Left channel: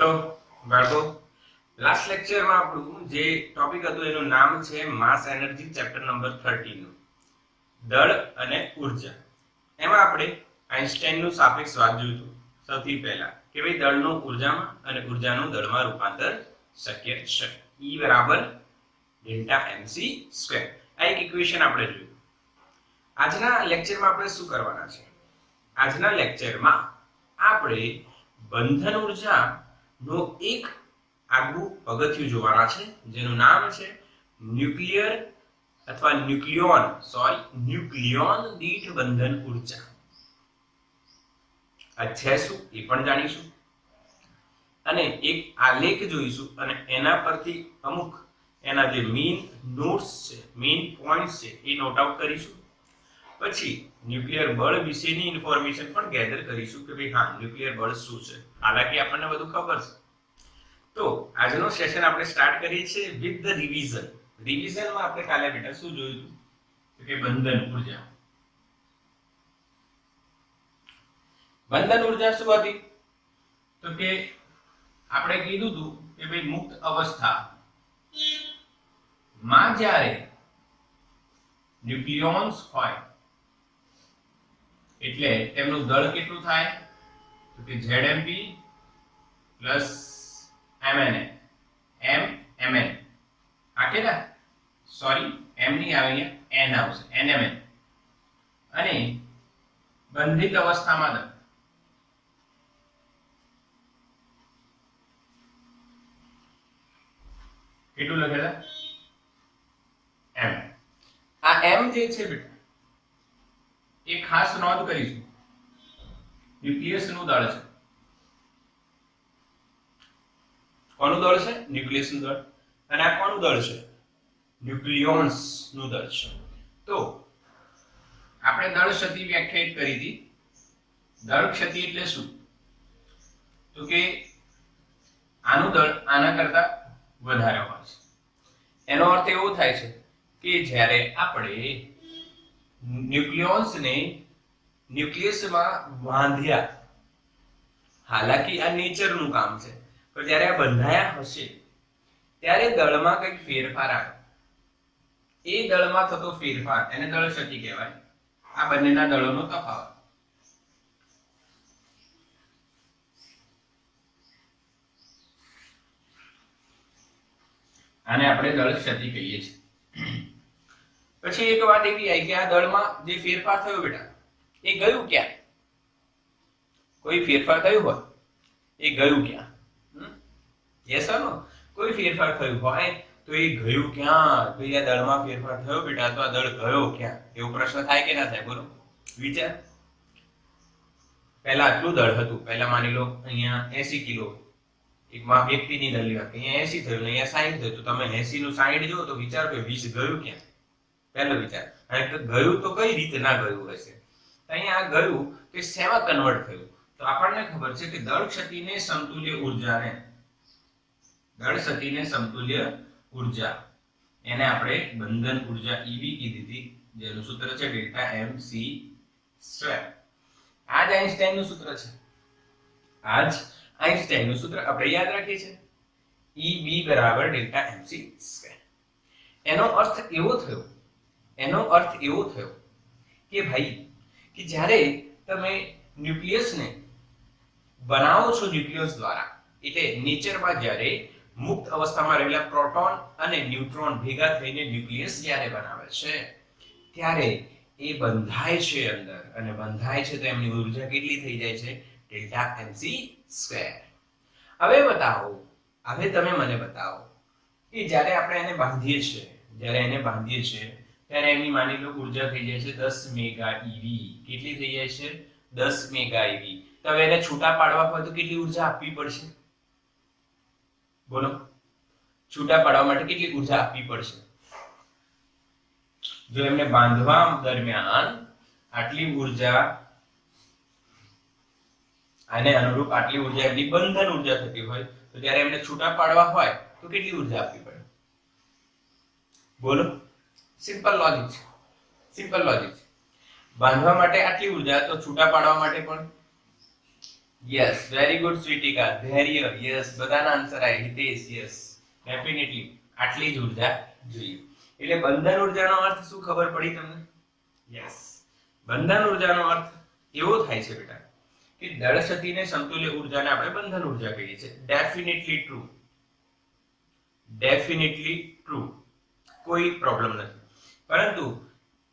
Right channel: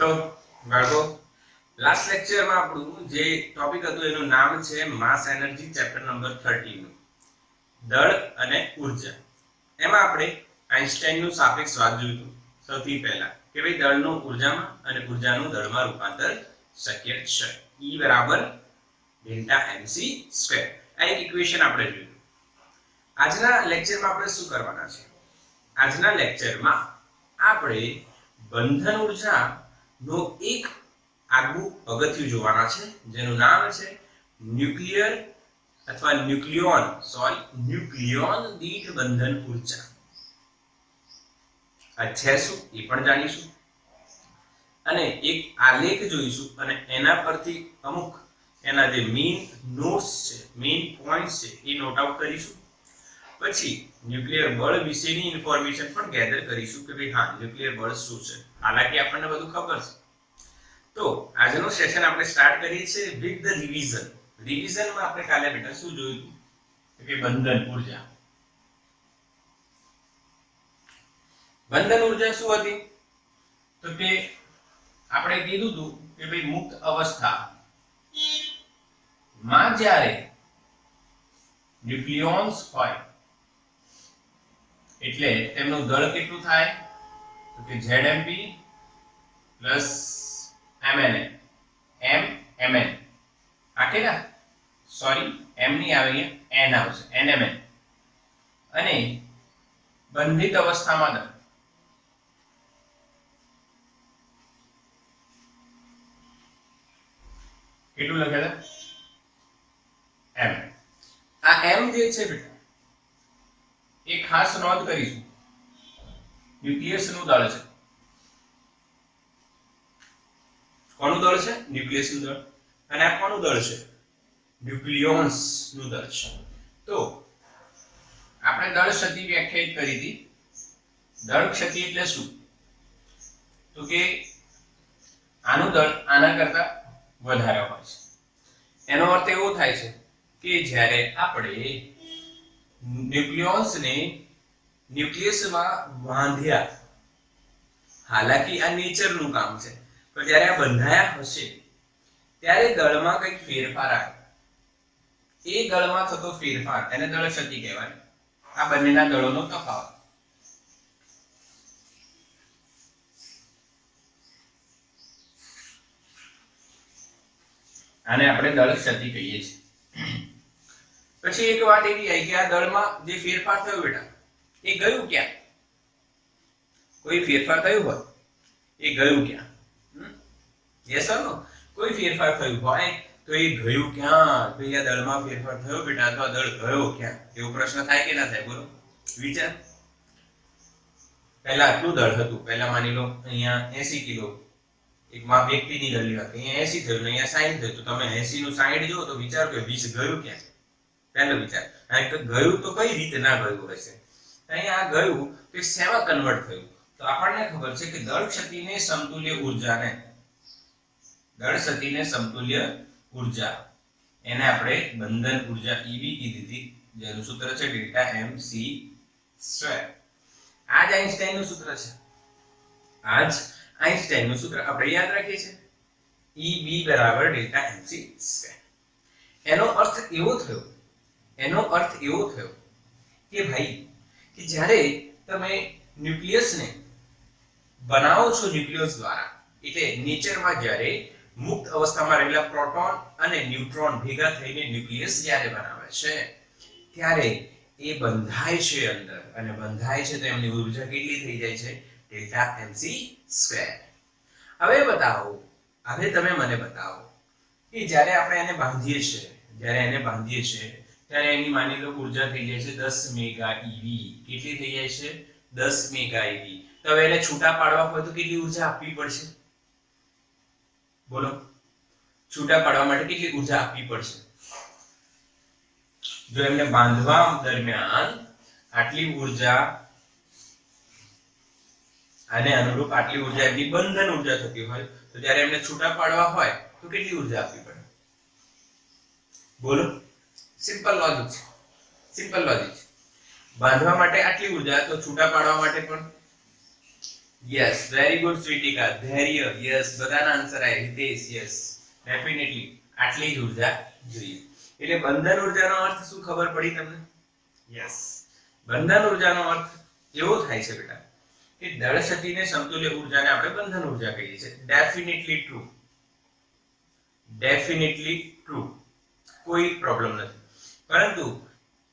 તો બાળકો લાસ્ટ લેક્ચરમાં આપણું જે ટોપિક હતું એનું નામ છે માસ એનર્જી ચેપ્ટર નંબર 13 નું દળ અને ઉર્જા. એમાં આપણે આઇન્સ્ટાઈનનું સાપેક્ષવાદ જોયું હતું સૌથી પહેલા કે ભાઈ દળનું ઉર્જામાં અને ઉર્જાનું દળમાં રૂપાંતર શક્ય છે. E બરાબર ડેલ્ટા mc સ્ક્વેર. આ એક ઇક્વેશન આપણે જોયું. આજના લેક્ચરમાં આપણે શું કરવાના છે? આજના લેક્ચરમાં આપણે બંધન ઉર્જા નો એક આગવું પગથિયું જોવાના છે જેનું નામ છે ન્યુક્લિયર અથવા ન્યુક્લિયોન દીઠ બંધન ઉર્જા. આ છે શું એ પણ જાણીશું અને એક આલેખ જોઈશું અને એના પરથી અમુક એના જે મેઇન નોટ્સ છે, મેઇન પોઈન્ટ્સ છે એ નોટ આઉટ કરીશું. પછી ન્યુક્લિયર બળ વિશેની ઇન્ફોર્મેશન પણ ગેધર કરીશું કે ભાઈ હા ન્યુક્લિયર બળ શું છે. હાલાકી આપણને બધું ખબર છે. તો આજનો સેશન આપણે સ્ટાર્ટ કરીએ છીએ વિથ ધ રિવિઝન. રિવિઝનમાં આપણે કાલે બેટા શું જોયું તો કે બંધન ઉર્જા. બંધન ઉર્જા શું હતી તો કે આપણે કીધું હતું કે ભાઈ મુક્ત અવસ્થા માં જ્યારે ન્યુક્લિયોન્સ હોય એટલે તેમનું દળ કેટલું થાય તો કે ZMP પ્લસ MNN MMN આ કે સોરી M ની આવે અહીંયા N આવશે NMN. અને બંધિત અવસ્થામાં દળ કેટલું લખેલા M. આ M જે છે બેટા એ ખાસ નોંધ કરીશું ન્યુક્લિયસ નું દળ છે. કોનું દળ છે? ન્યુક્લિયસ નું દળ. અને આ કોનું દળ છે? ન્યુક્લિયોન્સ નું દળ છે. તો આપણે દળ ક્ષતિ વ્યાખ્યાયિત કરી હતી. દળ ક્ષતિ એટલે શું તો કે આનું દળ આના કરતા વધારે હોય છે. એનો અર્થ એવો થાય છે કે જ્યારે આપણે ન્યુક્લિયોન્સને ન્યુક્લિયસમાં બાંધ્યા, હાલાકી આ નેચરનું કામ છે, પણ જ્યારે આ બંધાયા હશે ત્યારે દળમાં કંઈક ફેરફાર આવે. એ દળમાં થતો ફેરફાર એને દળ ક્ષતિ કહેવાય. આ બંનેના દળોનો તફાવત. આને આપણે દળ ક્ષતિ કહીએ છીએ. પછી એક વાત એવી આવી કે આ દળમાં જે ફેરફાર થયો બેટા એ ગયું ક્યાં? કોઈ ફેરફાર થયું હોય એ ગયું ક્યાં? યસ ઓર નો? કોઈ ફેરફાર થયું હોય તો એ ગયું ક્યાં? તો આ દળમાં ફેરફાર થયો બેટા તો આ દળ ગયો ક્યાં? એવો પ્રશ્ન થાય કે ના થાય? બોલો વિચાર. પહેલા આટલું દળ હતું. પહેલા માની લો અહીંયા 80 કિલો એક વ્યક્તિની દળ લેવા, અહીંયા 80 થયું, અહીંયા 60 થયું. તો તમે 80 નું 60 જો તો વિચાર કે 20 ગયું ક્યાં? પહેલો વિચાર. અહીં તો ગયું તો કઈ રીતે ના ગયું હશે? અહીંયા આ ગયું તો શેમાં કન્વર્ટ થયું? તો આપણને ખબર છે કે દળ ક્ષતિને સમતુલ્ય ઉર્જાને ઉર્જા એને આપણે બંધન ઉર્જા EB કીધી હતી, જેનું સૂત્ર છે ડેલ્ટા mc સ્ક્વેર. આ જ આઇન્સ્ટાઈનનું સૂત્ર છે. આઇન્સ્ટાઈનનું સૂત્ર આપણે યાદ રાખીએ છીએ EB બરાબર ડેલ્ટા mc સ્ક્વેર. એનો અર્થ એવો થયો કે ભાઈ કે જ્યારે તમે ન્યુક્લિયસને બનાવો છો ન્યુક્લિયસ દ્વારા, એટલે નેચરમાં જ્યારે મુક્ત અવસ્થામાં રહેલા પ્રોટોન અને ન્યુટ્રોન ભેગા થઈને ન્યુક્લિયસ જ્યારે બનાવે છે ત્યારે એ બંધાય છે અંદર, અને બંધાય છે તો એમની ઉર્જા કેટલી થઈ જાય છે? Delta mc square. હવે તમે મને બતાવો કે જ્યારે આપણે એને બાંધીએ છીએ ત્યારે એની માની લો ઉર્જા થઈ જાય છે 10 મેગા eV. કેટલી થઈ જાય છે? 10 મેગા eV. તો હવે એને છૂટા પાડવા હોય તો કેટલી ઉર્જા આપવી પડશે? બોલો, છૂટા પાડવા માટે કેટલી ઉર્જા આપવી પડશે? જો એમને બાંધવા દરમિયાન આટલી ઉર્જા આને અનુરૂપ આટલી ઉર્જા એમની બંધન ઉર્જા થતી હોય તો જ્યારે એમને છૂટા પાડવા હોય તો કેટલી ઉર્જા આપવી પડે? બોલો, સિમ્પલ લોજિક છે. બાંધવા માટે આટલી ઉર્જા તો છૂટા પાડવા માટે પણ યસ, વેરી ગુડ સ્વીટિકા. ધૈર્ય, યસ. બધાના આન્સર આવી. હિતેશ, યસ, ડેફિનેટલી આટલી જ ઉર્જા જોઈએ. એટલે બંધન ઉર્જાનો અર્થ શું ખબર પડી તમને? યસ, બંધન ઉર્જાનો અર્થ એવો થાય છે બેટા કે દળ શક્તિને સમતુલ્ય ઉર્જાને આપણે બંધન ઉર્જા કહીએ છીએ. ડેફિનેટલી ટ્રુ, ડેફિનેટલી ટ્રુ, કોઈ પ્રોબ્લેમ નથી. પરંતુ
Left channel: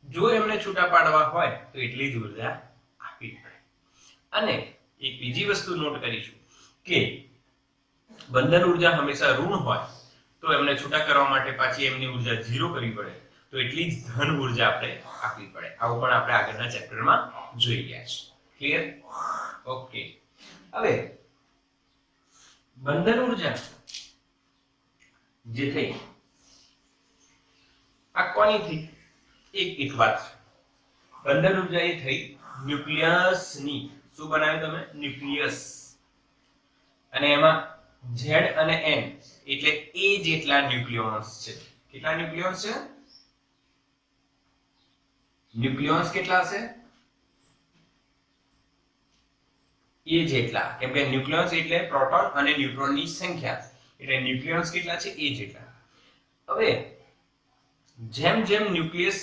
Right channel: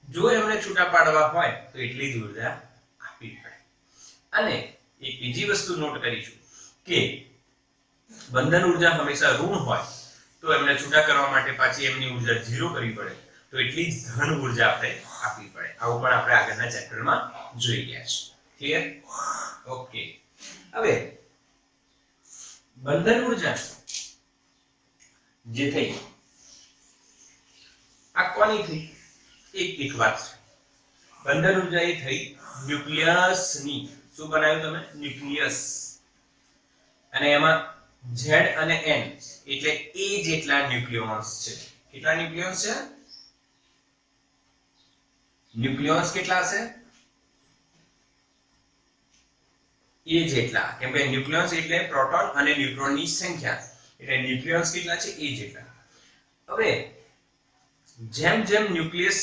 જો એમને છૂટા પાડવા હોય તો એટલી જ ઉર્જા આપવી પડે. અને એક બીજી વસ્તુ નોટ કરીશું કે બંધન ઉર્જા હંમેશા ઋણ હોય તો એમને છૂટા કરવા માટે પાછી એમની ઉર્જા 0 કરવી પડે, તો એટલી જ ધન ઉર્જા આપણે આપવી પડે. આવું પણ આપણે આગળના ચેપ્ટરમાં જોઈ ગયા છે. ક્લિયર? ઓકે. હવે બંધન ઉર્જા જે થઈ આ કોની થઈ? એક વાત છે. બંધન ઉર્જા એ થઈ ન્યુક્લિયસની. શું બનાવ્યું તમે? ન્યુક્લિયસ. અને એમાં Z અને N એટલે A જેટલા ન્યુક્લિયોન્સ છે. કેટલા ન્યુક્લિયોન્સ છે? ન્યુક્લિયોન્સ કેટલા હશે? A જેટલા. કેમ કે ન્યુક્લિયોન્સ એટલે પ્રોટોન અને ન્યુટ્રોનની સંખ્યા. એટલે ન્યુક્લિયોન્સ કેટલા છે? A જેટલા. હવે જેમ જેમ ન્યુક્લિયસ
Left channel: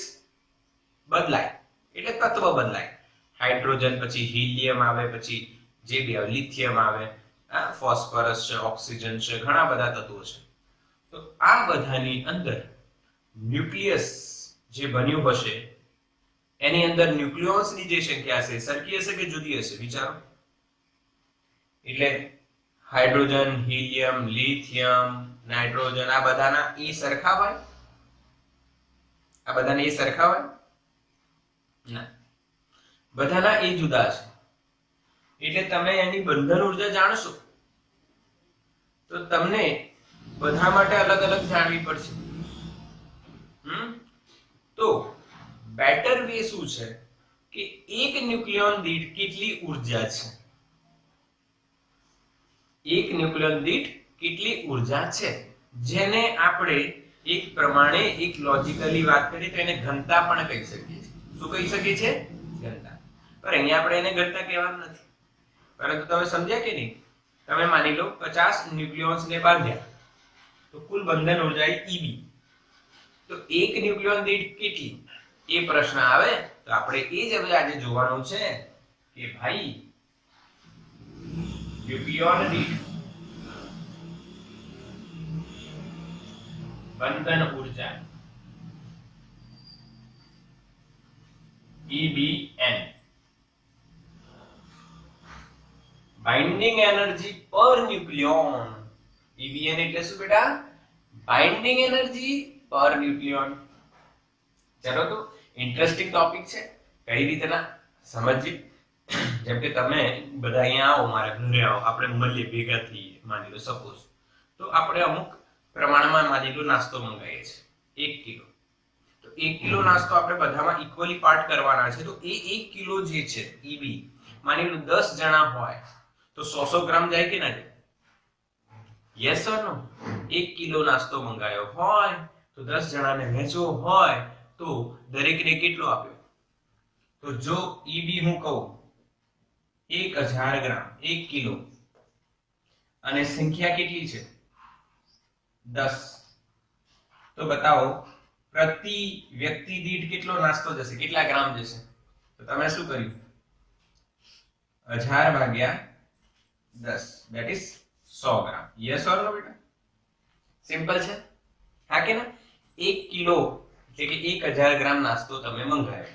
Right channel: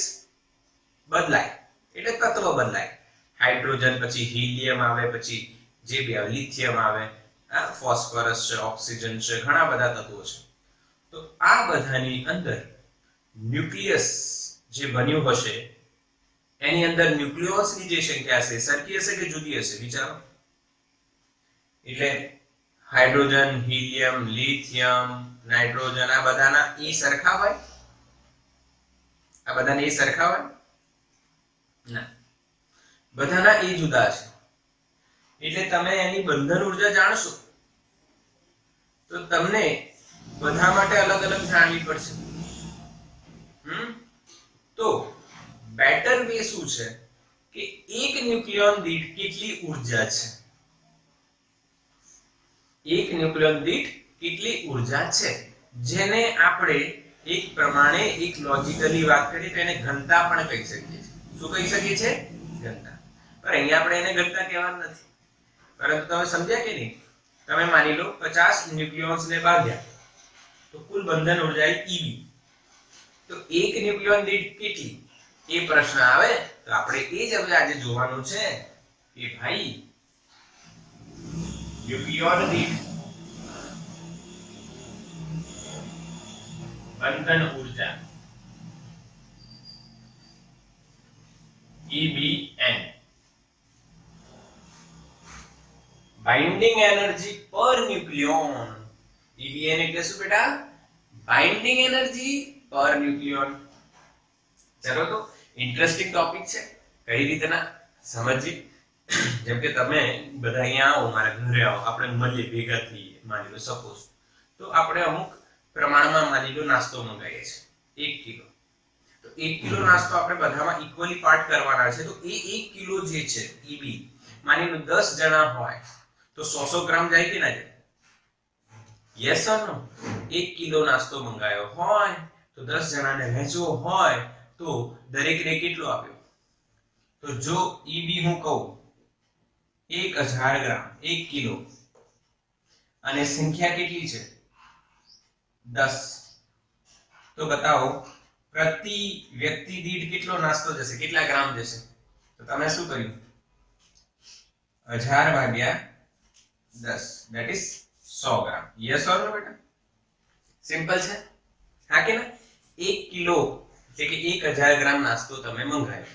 બદલાય એટલે તત્વ બદલાય. હાઇડ્રોજન પછી હિલિયમ આવે, પછી જે બી આવે, લિથિયમ આવે, ફોસ્ફરસ છે, ઓક્સિજન છે, ઘણા બધા તત્વો છે. તો આ બધાની અંદર ન્યુક્લિયસ જે બન્યું હશે એની અંદર ન્યુક્લિયોન્સની જે સંખ્યા હશે સરખી હશે કે જુદી હશે? વિચારો. એટલે હાઇડ્રોજન, હિલિયમ, લિથિયમ, નાઇટ્રોજન આ બધાના એ સરખા હોય? આ બધાના એ સરખા હોય? ના, બધાના એ જુદા છે. એટલે તમે એની બંધન ઉર્જા જાણશો તો તમને બધા માટે અલગ અલગ જાણવી પડશે. તો બેટર વે શું છે કે એક ન્યુક્લિયોન દીઠ કેટલી ઉર્જા છે? એક ન્યુક્લિયોન દીઠ કેટલી ઉર્જા છે જેને આપણે એક પ્રમાણે એક લોજિકલી વાત કરીએ તો એને ઘનતા પણ કહી શકીએ છીએ. શું કહી શકીએ છીએ? ઘનતા. પણ અહીંયા આપણે એને ઘનતા કહેવાનું નથી. પરંતુ તમે સમજ્યા કે નહીં? તમે માની લો 50 ન્યુક્લિયોન્સ ને બાંધ્યા તો કુલ બંધન ઉર્જા Eb. તો એક ન્યુક્લિયોન દીઠ કેટલી? એ પ્રશ્ન આવે તો આપણે એ જ હવે આજે જોવાનું છે કે ભાઈ ન્યુક્લિયોન દીઠ બંધન ઉર્જા EBN, બાઇન્ડિંગ એનર્જી પર ન્યુક્લિયોન. EBN એટલે શું બેટા? બાઇન્ડિંગ એનર્જી પર ન્યુક્લિયોન. ચલો તો ઇન્ટરેસ્ટિંગ ટોપિક છે. કઈ રીતના સમજીએ? જેમ કે તમે બધા અહીંયા આવો, મારા ઘરે આવો, આપણે મળીએ, ભેગા થઈએ, માની લો સપોઝ. તો આપણે અમુક પ્રમાણમાં માની લો નાસ્તો મંગાવીએ છીએ 1 કિલો. તો 1 કિલો નાસ્તો આપણે બધામાં ઇક્વલી પાર્ટ કરવાના છે. તો એ 1 કિલો જે છે EB, માની લો 10 જણા હોય તો 100 ગ્રામ જાય કે ના જાય? Yes or no? 1 કિલો નાસ્તો મંગાવ્યો હોય તો 10 જણાને વહેંચવો હોય તો દરેકને કેટલો આપ્યો? તો જો EB હું કહું 1000 ગ્રામ 1 કિલો અને સંખ્યા કેટલી છે? 10. તો બતાવો પ્રતિ વ્યક્તિ દીઠ કેટલો નાસ્તો જશે? કેટલા ગ્રામ જશે? તો તમે શું કર્યું? 1000 ભાગ્યા 10 that is 100 gram. Yes or no બેટા? સિમ્પલ છે, હા કે ના? 1 કિલો એટલે કે 1000 ગ્રામ નાસ્તો તમે મંગાવ્યો,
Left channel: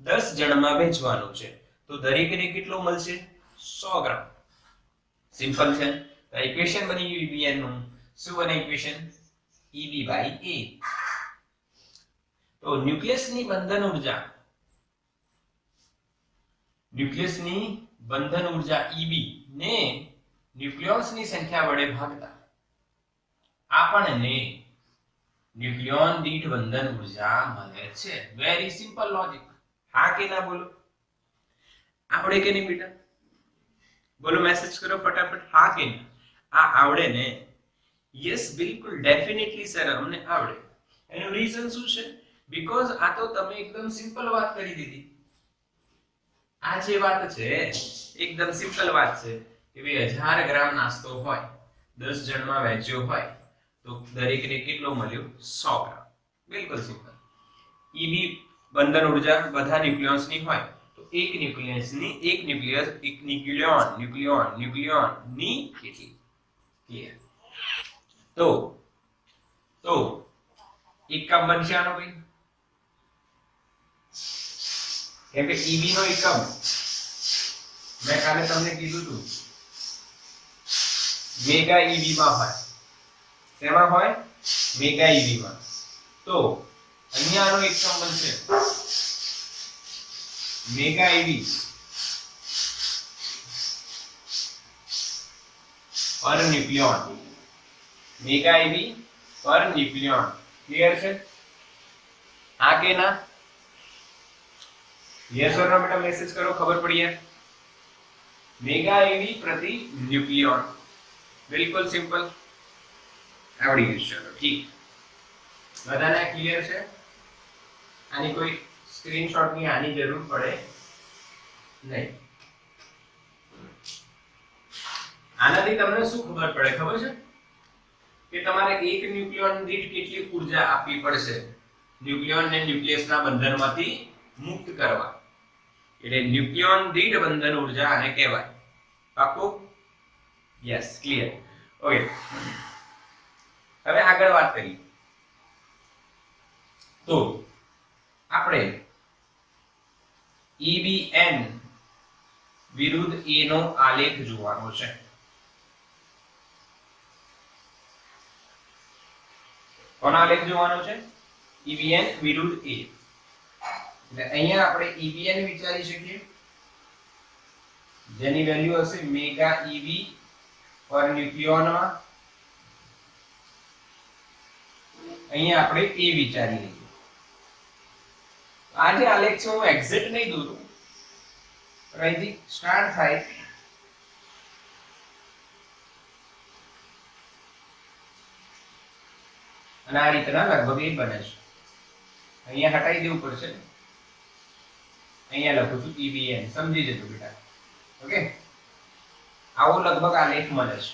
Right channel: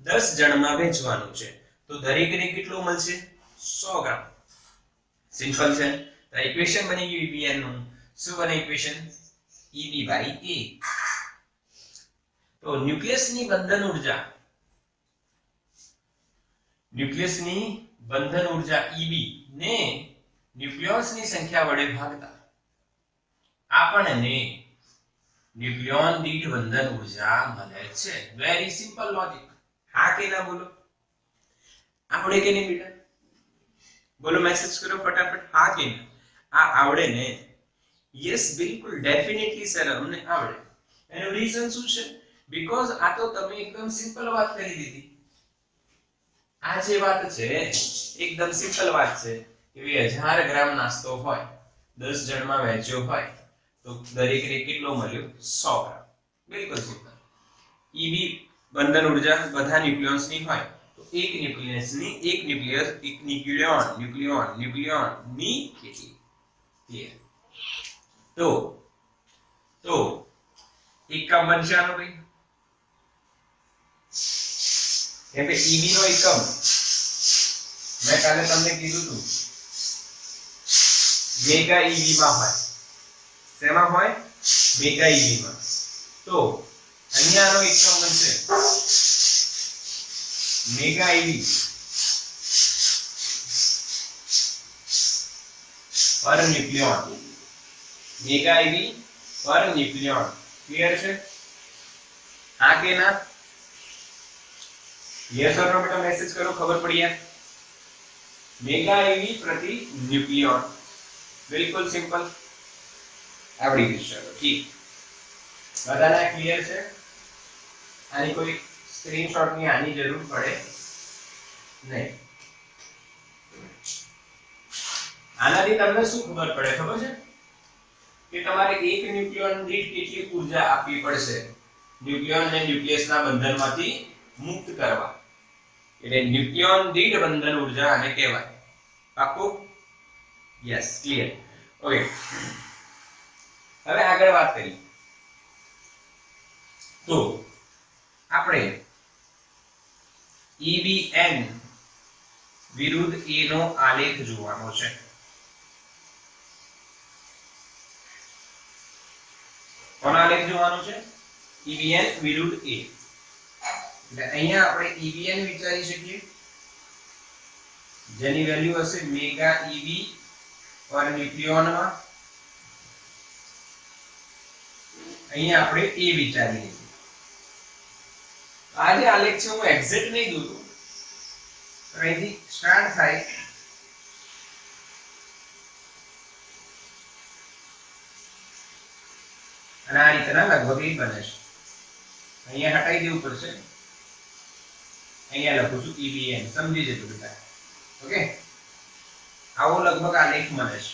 10 જણમાં વેચવાનું છે તો દરેકને કેટલો મળશે? 100 ગ્રામ. સિમ્પલ છે. તો ઇક્વેશન બની ગયું EBN નું. શું બને ઇક્વેશન? EB by A. તો ન્યુક્લિયસની બંધન ઉર્જા EB ને ન્યુક્લિયોન્સની સંખ્યા વડે ભાગતા આપણને ન્યુક્લિયોન દીઠ બંધન ઉર્જા મળે છે. Very simple logic. હા કે ના બોલો? આવડે કે નહીં બેટા? બોલો, મેસેજ કરો ફટાફટ. હા કે ના? આ આવડે ને? યસ, બિલકુલ, ડેફિનેટલી સર, અમને આવડે. એનું રીઝન શું છે? બીકોઝ આ તો તમે એકદમ સિમ્પલ વાત કરી દીધી. આ જે વાત છે એકદમ સિમ્પલ વાત છે કે ભાઈ 1000 ગ્રામ નાસ્તો હોય 10 જણમાં વહેંચ્યો હોય તો દરેકને કેટલો મળ્યો 100 ગ્રામ. બિલકુલ સિમ્પલ. ઈબી બંધન ઉર્જા બધા ન્યુક્લિયોન્સની હોય તો એક ન્યુક્લિયસની એક ન્યુક્લિયોનની કેટલી ક્લિયર. તો એકમ બનશે આનો ભાઈ કેમ કે ઈબી નો એકમ મેં કાલે તમને કીધું હતું મેગા ઈબી માં હોય. શેમાં હોય? મેગા ઈબી માં. તો અહીંયાનો એકમ બનશે મેગા ઈબી પર ન્યુક્લિયોન. મેગા ઈબી પર ન્યુક્લિયોન. ક્લિયર છે? હા કે ના? यस और नो बेटा मैसेज करो, खबर पड़ी है. मेगा ईवी प्रति न्यूक्लियॉन. बिल्कुल सिंपल आवड़ी गई. चलो ठीक, बधाने क्लियर છે? આની કોઈ સ્ક્રીનશોટ ની આની જરૂર પડે નહીં. આનાથી તમને શું ખબર પડે ખબર છે કે તમારે એક ન્યુક્લિયોન દીઠ કેટલી ઊર્જા આપવી પડશે ન્યુક્લિયોન ને ન્યુક્લિયસના બંધનમાંથી મુક્ત કરવા. એટલે ન્યુક્લિયોન દીઠ બંધન ઊર્જા આને કહેવાય. પાક્કું? Yes, clear. ઓકે, હવે આગળ વાત કરીએ તો આપણે EBN વિરુદ્ધ A નો આલેખ જોવાનો છે. કોનો આલેખ જોવાનો છે? EBN વિરુદ્ધ A. એટલે અહીંયા આપણે EBN વિચારી શકીએ જેની વેલ્યુ હશે મેગા EB પર ન્યુક્લિયોન માં. અહીંયા આપણે A વિચારીએ. આ જે આલેખ છે હું એક્ઝેક્ટ નહીં દોરું, અહીંથી સ્ટાર્ટ થાય અને આ રીતના લગભગ એ બને છે. અહીંયા હટાઈ દેવું પડશે. અહીંયા લખું છું EBN, સમજી જજો બેટા. ઓકે, આવો લગભગ આલેખ મળે છે.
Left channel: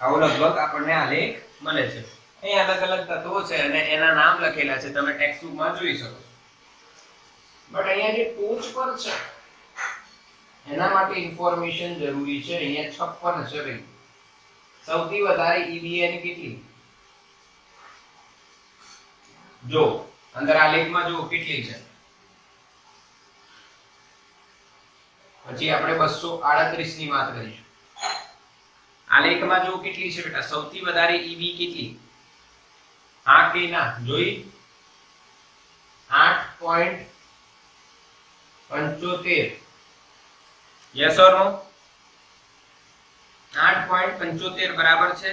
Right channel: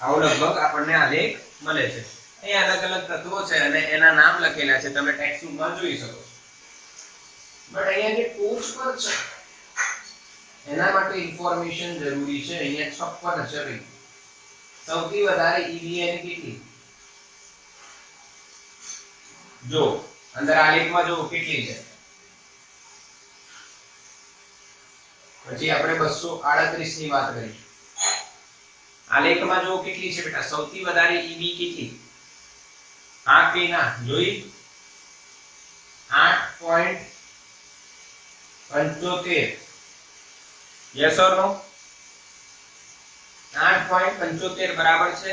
આવો લગભગ આપણને આલેખ મળે છે. અહીંયા અલગ અલગ તત્વો છે અને એના નામ લખેલા છે, તમે ટેક્સ્ટ બુકમાં જોઈ શકો છો. બટ અહીંયા જે ટોચ પર છે એના માટે ઇન્ફોર્મેશન જરૂરી છે. અહીંયા 56 છે ભાઈ. સૌથી વધારે EBN કેટલી? જો અંદર આલેખમાં જો કેટલી છે, પછી આપણે 238 ની વાત કરીશું. આલેખમાં જો કેટલી છે બેટા? સૌથી વધારે EB કેટલી? હા કે ના? જોઈ 8.75. યસ ઓર નો? 8.75 બરાબર છે.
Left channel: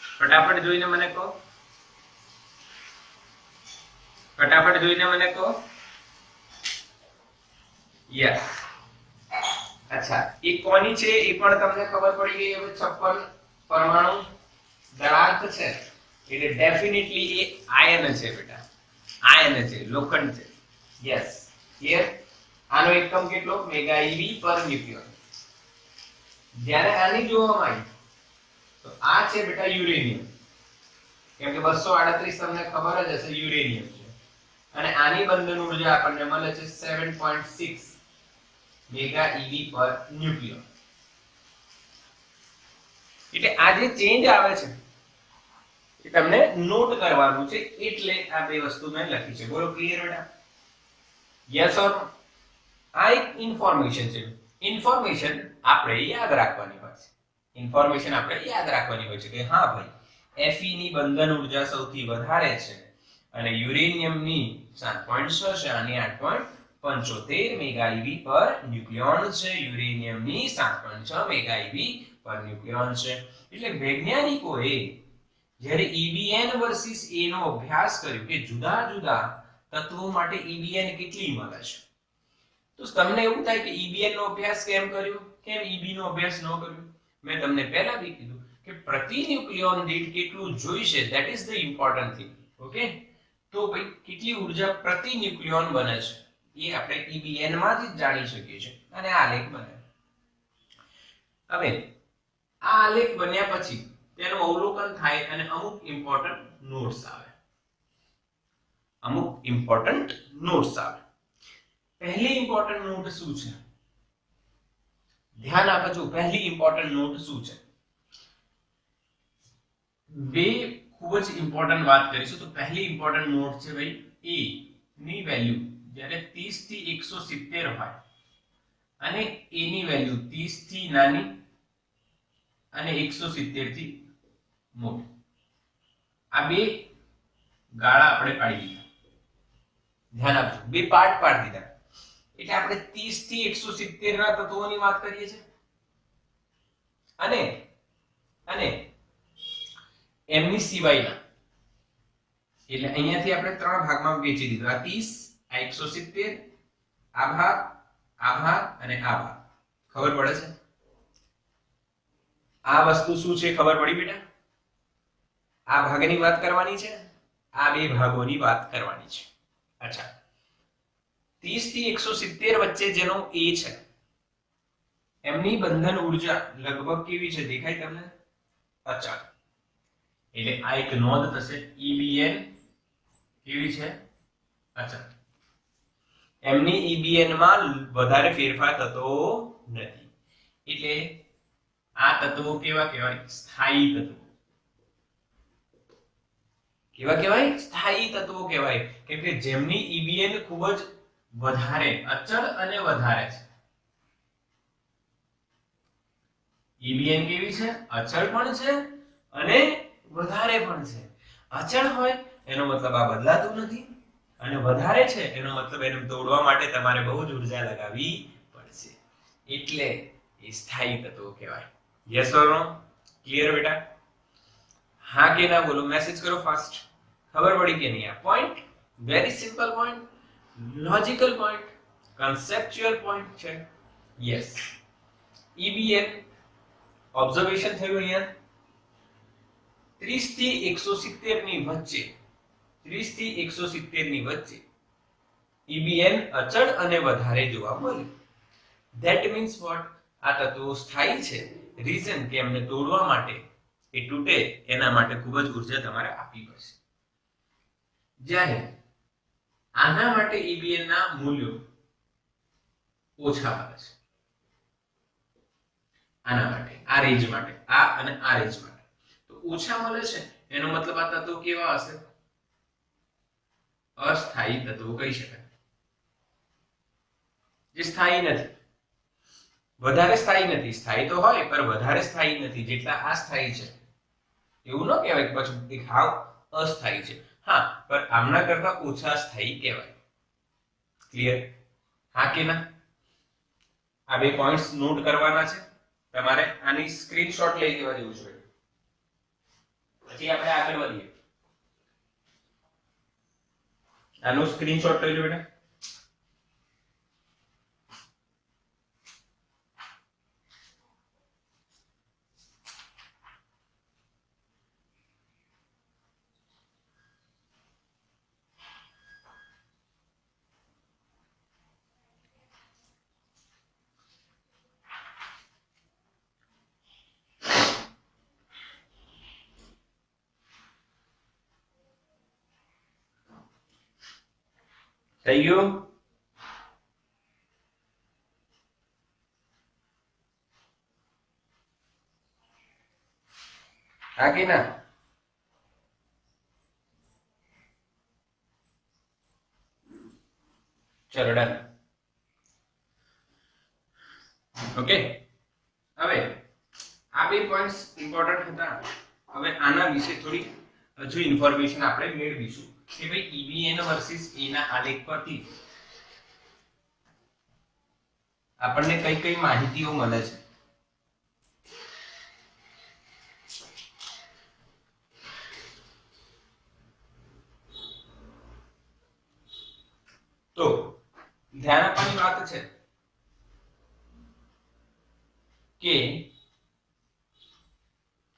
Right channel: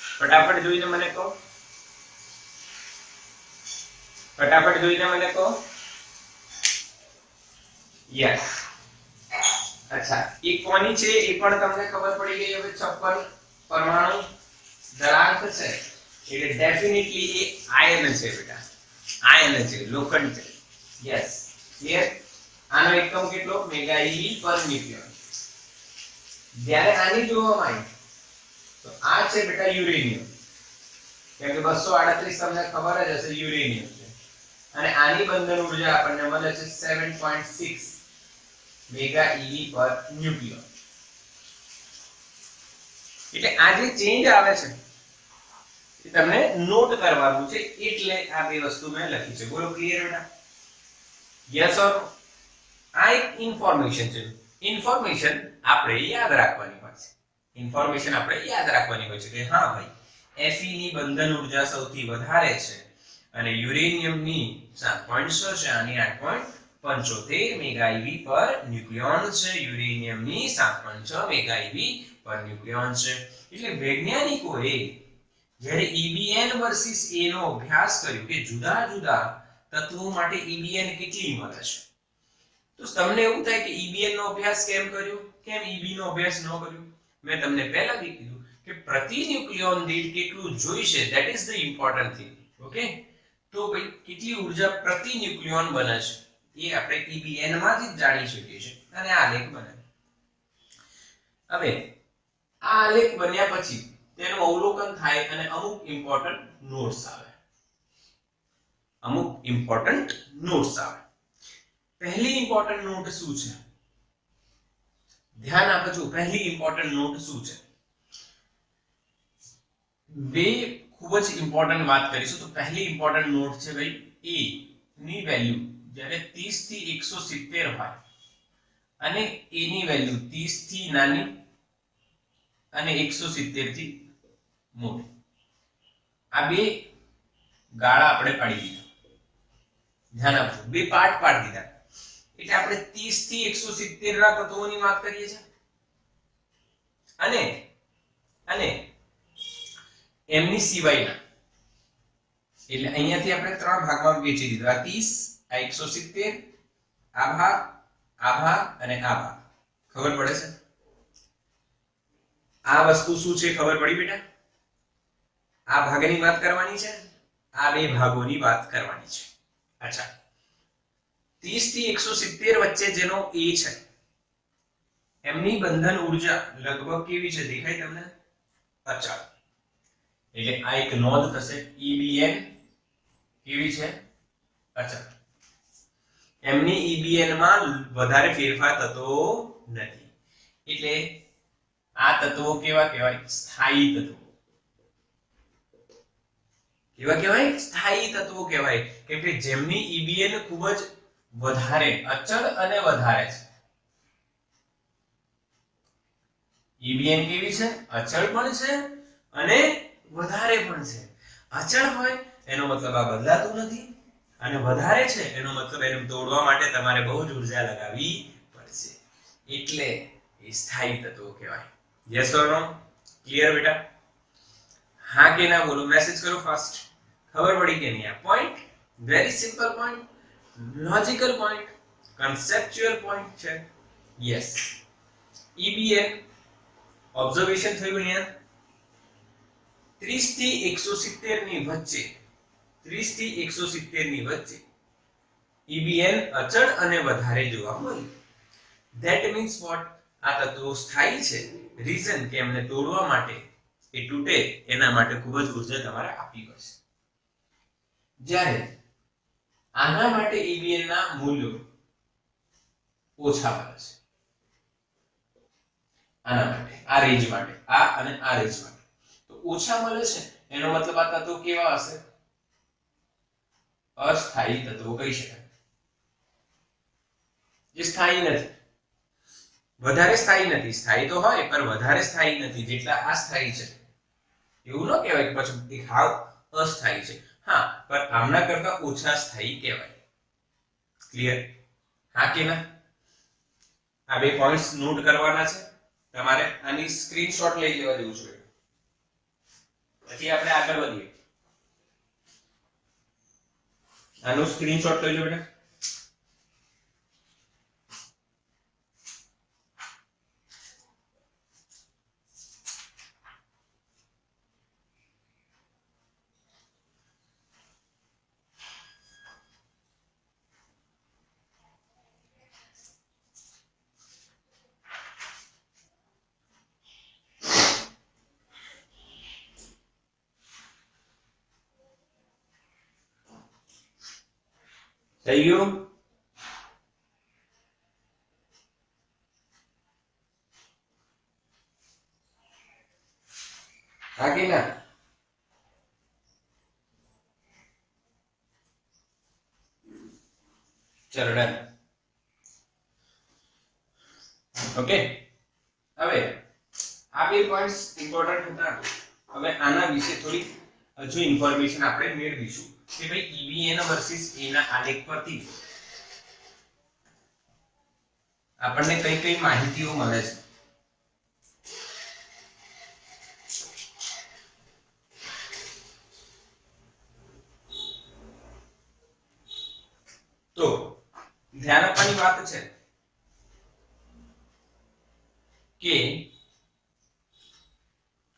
ફટાફટ જોઈને મને કહો. ફટાફટ જોઈને મને કહો. યસ. અચ્છા, એ કોની છે એ પણ તમને ખબર પડી ગઈ. હવે 56 પરમાણુ દળાંક છે એટલે ડેફિનેટલી એ આયન છે બેટા. આયન છે, લોખંડ છે. Yes, clear. આનો એકમ કેટલો? મેગા EB પર ન્યુક્લિયોન. જ્યારે આની જોવામાં આવી તો આ છે બેટા યુરેનિયમ, કેમ કે 238 તમને ખબર જ હશે યુરેનિયમ છે. અને આની બંધન ઊર્જા આપણને મળે છે 7.6 મેગા EB પર ન્યુક્લિયોન. એટલે આ જે ચેન્જ આવે છે એ તમને નોટ કરવાનું છે, એટલે આ બે વસ્તુ મેં લખી છે. બોલો ક્લિયર બેટા? Yes or? આ એક ઇન્ફોર્મેશન છે. ઇન્ફોર્મેશન આપણે યાદ રાખવાની હોય છે. ઇન્ફોર્મેશન આપણે યાદ રાખવાની હોય છે કે હા ભાઈ Fe ની બંધન ઊર્જા સૌથી વધારે છે અને યુરેનિયમની 7.6 છે, આની 8.75 મેગા EB પર ન્યુક્લિયોન છે. યુરેનિયમની 7.6 મેગા EB પર ન્યુક્લિયોન છે. એટલે વૈજ્ઞાનિકોએ જ્યારે EBN વર્સિસ A નો અભ્યાસ કર્યો કે જુદા જુદા તત્વો માટે EBN કેટલી મળે છે, તો તમને એવું થાય કે EBN નો અભ્યાસ કેમ કર્યો, કેમ EB નો અભ્યાસ ન કર્યો? મેં તમને પહેલાથી કીધું કે પ્રતિ ન્યુક્લિયોન દીઠ કેટલું જોઈશે, that is the important thing. Okay, તો ભાઈ કેટલી ઊર્જા પ્રતિ ન્યુક્લિયોન બને છે એ આપણે EBN માં જ જાણી શકીએ છીએ અને આ આલેખ બને. હવે આ આલેખ બન્યા પછી તેનું અવલોકન થાય અને અમુક ઇમ્પોર્ટન્ટ નોટ્સ આવે. પહેલી ઇમ્પોર્ટન્ટ નોટ શું છે? ધ્યાન આપજો. પહેલી ઇમ્પોર્ટન્ટ નોટ શું છે? બે ખૂબ જ ઇમ્પોર્ટન્ટ વાત કરીશું. તો પહેલી ઇમ્પોર્ટન્ટ નોટ છે ભાઈ A ની વેલ્યુ જ્યારે 30 થી 170 હોય અને A ની વેલ્યુ 30 થી નાની અને 170 થી મોટી. આ બે ગાળા આપણે પાડી દીધા. ધ્યાન આપજો. બે પાર્ટ પાડી દીધા. એટલે આપણે 30 થી 170 ના તત્વોની વાત કરીએ છીએ અને એમની સિવાયના. એટલે અહીંયાથી આપણે ત્રણ ભાગમાં વહેંચી દીધું. આ 30, આ 170, આ ભાગ અને આ ભાગ. ખબર પડે છે? આ વસ્તુ શું છે ખબર પડી બેટા? આ ભાગની વાત કરવાની છે, આ બે ભાગોની વાત કરવાની છે. અચ્છા, 30 થી 170 વચ્ચે જેનો A છે એમની બંધન ઉર્જા લગભગ કેવી છે દેખાય તમને? અચળ. એટલે આ એક નોંધ થશે. EBN કેવી છે? અચળ. એમની EBN માં વધારે ફેરફાર થતો નથી. એટલે આ તત્વો કેવા કહેવાય? સ્થાયી તત્વો. કેવા કહેવાય? સ્થાયી તત્વો કહેવાય. કેમ કે જેમની EBN ખૂબ જ વધારે અચળ અને વધારે છે. EBN કેવી છે? અચળ પણ છે અને વધારે પણ છે. અચળ હોય એનો મતલબ આ બદલાતું નથી અને વધારે છે એનો મતલબ એને તોડવા માટે તમારે બહુ જ ઉર્જા લગાવવી પડશે. એટલે એ સ્થાયી તત્વો કહેવાય. Yes or no? ક્લિયર બેટા? હા કે ના બોલો? મેસેજ કરો ફાસ્ટ. ખબર પડી કે નહીં? આ point very simple point, logical point, conceptual point છે. યસ. EBN ઓબ્ઝર્વેશન થયું અહીંયા 30 થી 170 ની વચ્ચે. 30 થી 170 ની વચ્ચે EBN અચળ અને વધારે જોવા મળે. That means what? આ તત્વો સ્થાયી છે. રીઝન કે એમને તોડવા માટે, એ તૂટે એના માટે ખૂબ જ ઉર્જા તમારે આપવી પડશે. જ્યારે આના માટે EBN ના મૂલ્યો ઓછા મળે છે. આના માટે, આ રેન્જ માટે, આ અને આ રેન્જ માટે તો ઓછા મળે છે. એનો મતલબ આ તત્વો કેવા હશે? અસ્થાયી તત્વો કહી શકાય. જે સ્થાયી નથી, વધારે સ્થાયી નથી. સ્થાયી તો હોય પણ વધારે સ્થાયી નથી જેટલા આ સ્થાયી છે. એવું ન કહેવાય કે પછી એક હાવ અસ્થાયી છે. હા, પણ આમના કરતા ઓછા સ્થાયી કહેવાય. ક્લિયર? હા કે ના? આ બે પોઈન્ટ્સ નોટ કરવાના છે તમારે. આની સ્ક્રીનશોટ લઈ લેવા જેવું છે. પછી આપણે આગળ વધીએ. આનો સ્ક્રીનશોટ લઈ લો બેટા. થઈ ગયું? હા કે ના? ચલો ડન. ઓકે, હવે આ બે પોઈન્ટ્સ ઇમ્પોર્ટન્ટ હતા. હવે આના વિશે થોડી હજુ ઇન્ફોર્મેશન આપણે મેળવીશું કે ભાઈ EBN વર્સિસ A ના આલેખ પરથી આપણને કઈ કઈ માહિતીઓ મળે છે. તો ધ્યાન આપવાની વાત છે કે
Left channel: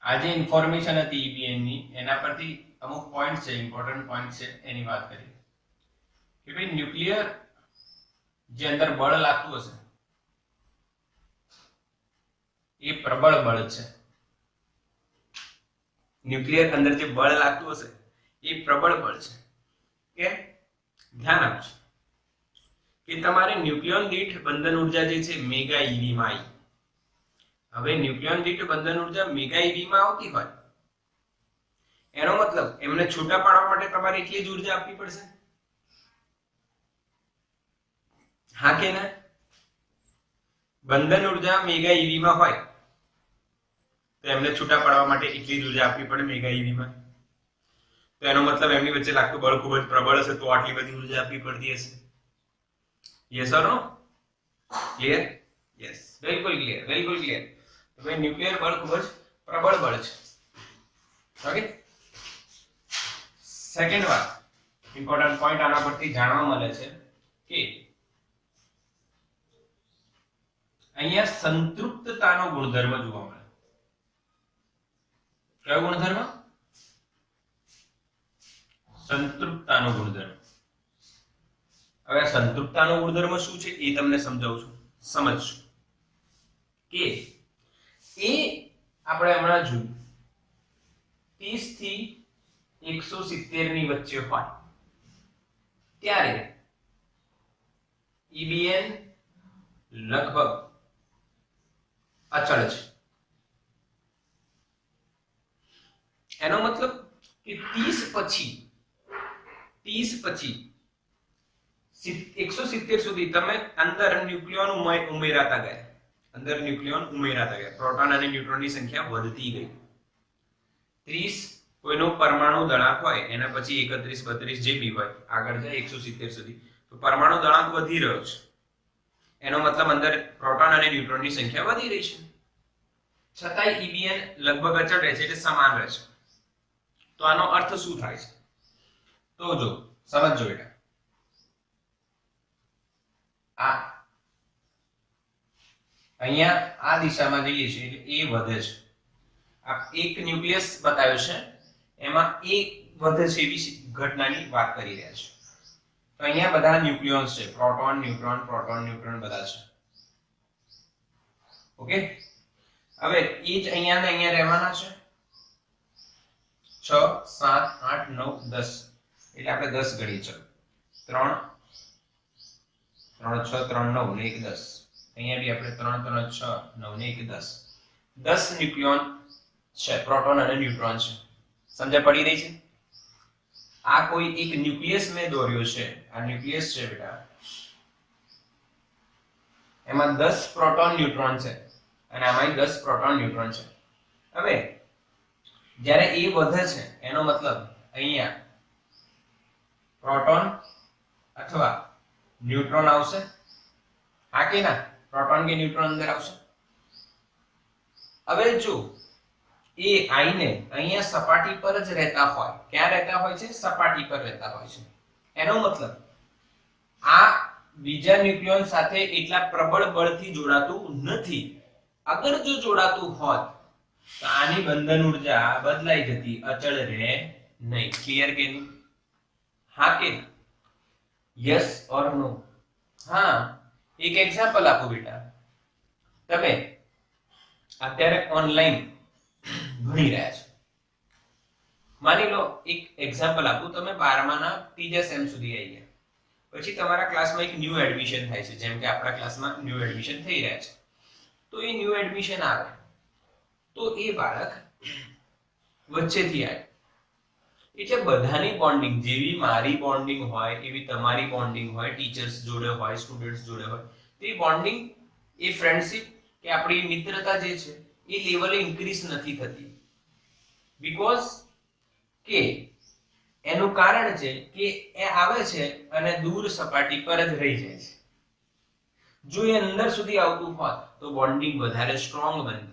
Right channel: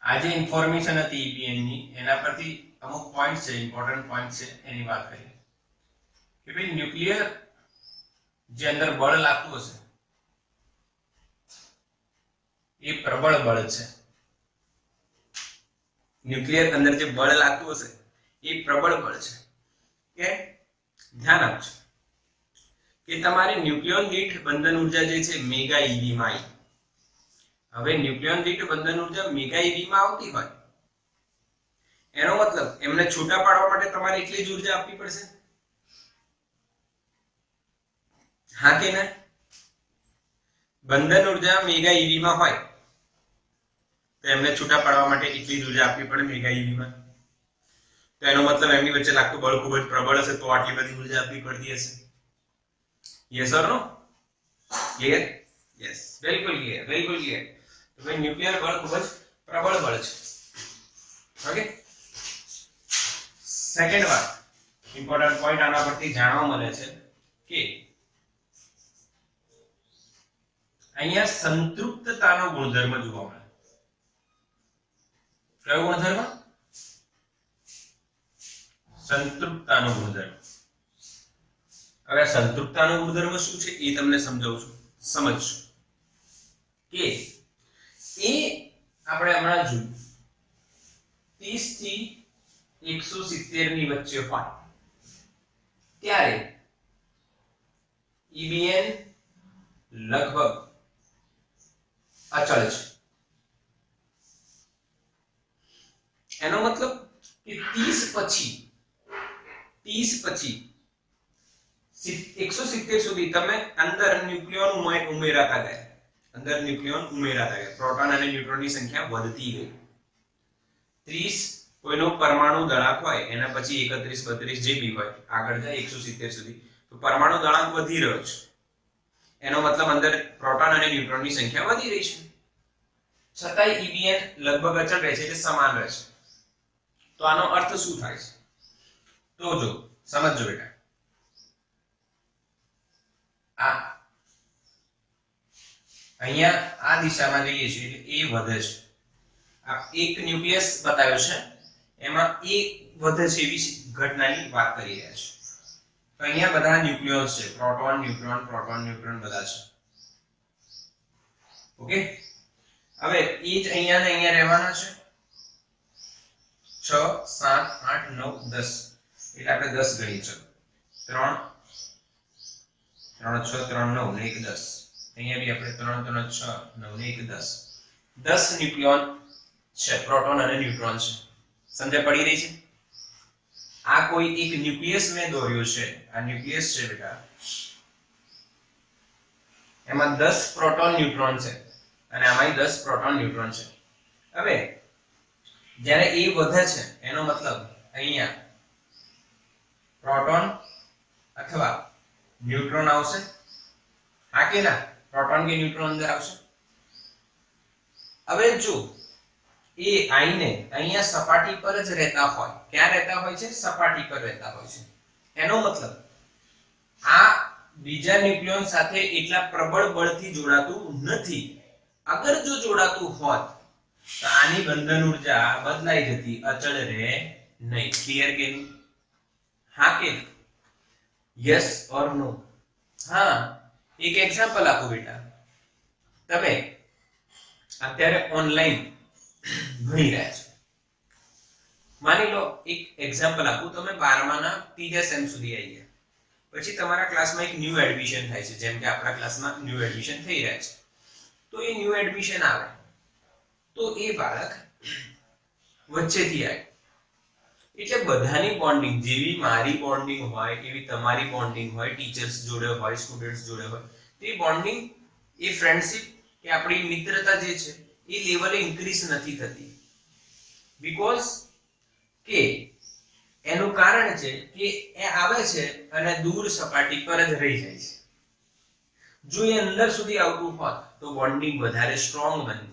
આ જે ઇન્ફોર્મેશન હતી EBN ની એના પરથી અમુક પોઈન્ટ છે, ઇમ્પોર્ટન્ટ પોઈન્ટ છે, એની વાત કરીએ કે ભાઈ ન્યુક્લિયર જે અંદર બળ લાગતું હશે એ પ્રબળ બળ છે. ન્યુક્લિયર અંદર જે બળ લાગતું હશે એ પ્રબળ બળ છે. કે ધ્યાન આપજો કે તમારે ન્યુક્લિયોન દીઠ બંધન ઉર્જા જે છે મેગા ઈવી માં આવી. હવે ન્યુક્લિયોન દીઠ બંધન ઉર્જા મેગા ઈવી માં આવતી હોય એનો મતલબ એમને છૂટા પાડવા માટે તમારે એટલી જ ઉર્જા આપવી પડશે. હા કે ના? બંધન ઉર્જા મેગા ઈવી માં હોય તો એમને છૂટા પાડવા માટે એટલી જ ઉર્જા આપવી પડે મેગા ઈવી માં. તો એનો મતલબ એમની વચ્ચે લાગતું બળ ખૂબ જ પ્રબળ હશે તો આટલી બધી ઉર્જા આપવી પડતી હશે. Yes or no? Clear? Yes, બિલકુલ ક્લિયર, બિલકુલ ક્લિયર. તો ભાઈ ન્યુક્લિયર બળ ખૂબ જ પ્રબળ બળ છે. ઓકે, સેકન્ડ વાત ઇમ્પોર્ટન્ટ પોઈન્ટ આના પરથી જાણવા મળે છે કે અહીંયા સંતૃપ્તતાનો ગુણધર્મ જોવા મળે. કયો ગુણધર્મ? સંતૃપ્તતાનો ગુણધર્મ. હવે આ સંતૃપ્તતાનો ગુણધર્મ શું છે એ તમને સમજાવું છું, સમજજો. કે એ આપણે હમણાં જોયું 30 થી 170 ની વચ્ચે હોય ત્યારે EBN લગભગ અચળ છે. એનો મતલબ કે 30 પછી 170 સુધી તમે અંદર ન્યુક્લિયોન ઉમેરાતા ગયા. પ્રોટોન અને ન્યુટ્રોનની સંખ્યા વધતી ગઈ. 30 કોઈનો પરમાણુ દળાંક હોય એના પછી 31 32 જે બી હોય આગળ જાય 170 સુધી તો પરમાણુ દળાંક વધી રહ્યો છે. એનો મતલબ અંદર પ્રોટોન અને ન્યુટ્રોનની સંખ્યા વધી રહી છે. છતાંય EBN લગભગ અચળ રહે છે, એટલે સમાન રહે છે. તો આનો અર્થ શું થાય છે? તો જો સમજજો બેટા, આ અહીંયા આ દિશામાં જઈએ છીએ એટલે એ વધે છે. આ એક ન્યુક્લિયસ બતાવ્યો છે એમાં એક વધે છે એવી ઘટનાની વાત કરી રહ્યા છે. તો અહીંયા બધા ન્યુક્લિયોન્સ છે, પ્રોટોન ન્યુટ્રોન બધા છે. ઓકે, હવે એ જ અહીંયા ને અહીંયા રહેવાના છે. 6 7 8 9 10 એટલે આપણે 10 ગણી ચલો. 3 3 6 3 9 ને 1 10. અહીંયા બી આપણે 3 3 6 9 ને 1 10. 10 ન્યુક્લિયોન છે, પ્રોટોન અને ન્યુટ્રોન છે. સમજ પડી રહી છે? આ કોઈ એક ન્યુક્લિયસ મેં દોર્યો છે. આ ન્યુક્લિયસ છે બેટા, એમાં 10 પ્રોટોન ન્યુટ્રોન છે અને આમાં 10 પ્રોટોન ન્યુટ્રોન છે. હવે જ્યારે એ વધે છે એનો મતલબ અહીંયા પ્રોટોન અથવા ન્યુટ્રોન આવશે. હા કે ના? પ્રોટોન કે ન્યુટ્રોન અંદર આવશે. હવે જો એ આઈને અહીંયા સપાટી પર જ રહેતા હોય, ક્યાં રહેતા હોય છે? સપાટી પર રહેતા હોય છે. એનો મતલબ આ બીજા ન્યુક્લિયોન સાથે એટલા પ્રબળ બળથી જોડાતું નથી. અગર જો જોડાતું હોત તો આની બંધન ઉર્જા બદલાઈ જતી, અચળ રહે નહીં. ક્લિયર કે નહીં? હા કે ના? યસ ઓર નો? હા, એક એક્ઝામ્પલ આપો બેટા. તમે અત્યારે ઓનલાઈન ભણી રહ્યા છો. માની લો એક એક્ઝામ્પલ આપું, તમે 12માના ત્રીજા સેમ સુધી આવી ગયા. પછી તમારા ક્લાસમાં એક ન્યૂ એડમિશન થાય છે, જેમ કે આપણા ક્લાસમાં ન્યૂ એડમિશન થઈ રહ્યા છે. તો એ ન્યૂ એડમિશન આવે તો એ બાળક વચ્ચેથી આવે એટલે બધાની બોન્ડિંગ, જેવી મારી બોન્ડિંગ હોય એવી તમારી બોન્ડિંગ હોય, ટીચર્સ જોડે હોય, સ્ટુડન્ટ્સ જોડે હોય, તો એ બોન્ડિંગ, એ ફ્રેન્ડશિપ કે આપણી મિત્રતા જે છે એ લેવલે ઇન્ક્રીઝ નથી થતી. બીકોઝ કે એનું કારણ છે કે એ આવે છે અને દૂર સપાટી પર જ રહી જાય છે. જો એ અંદર સુધી આવતું હોત તો બોન્ડિંગ વધારે સ્ટ્રોંગ બનતી,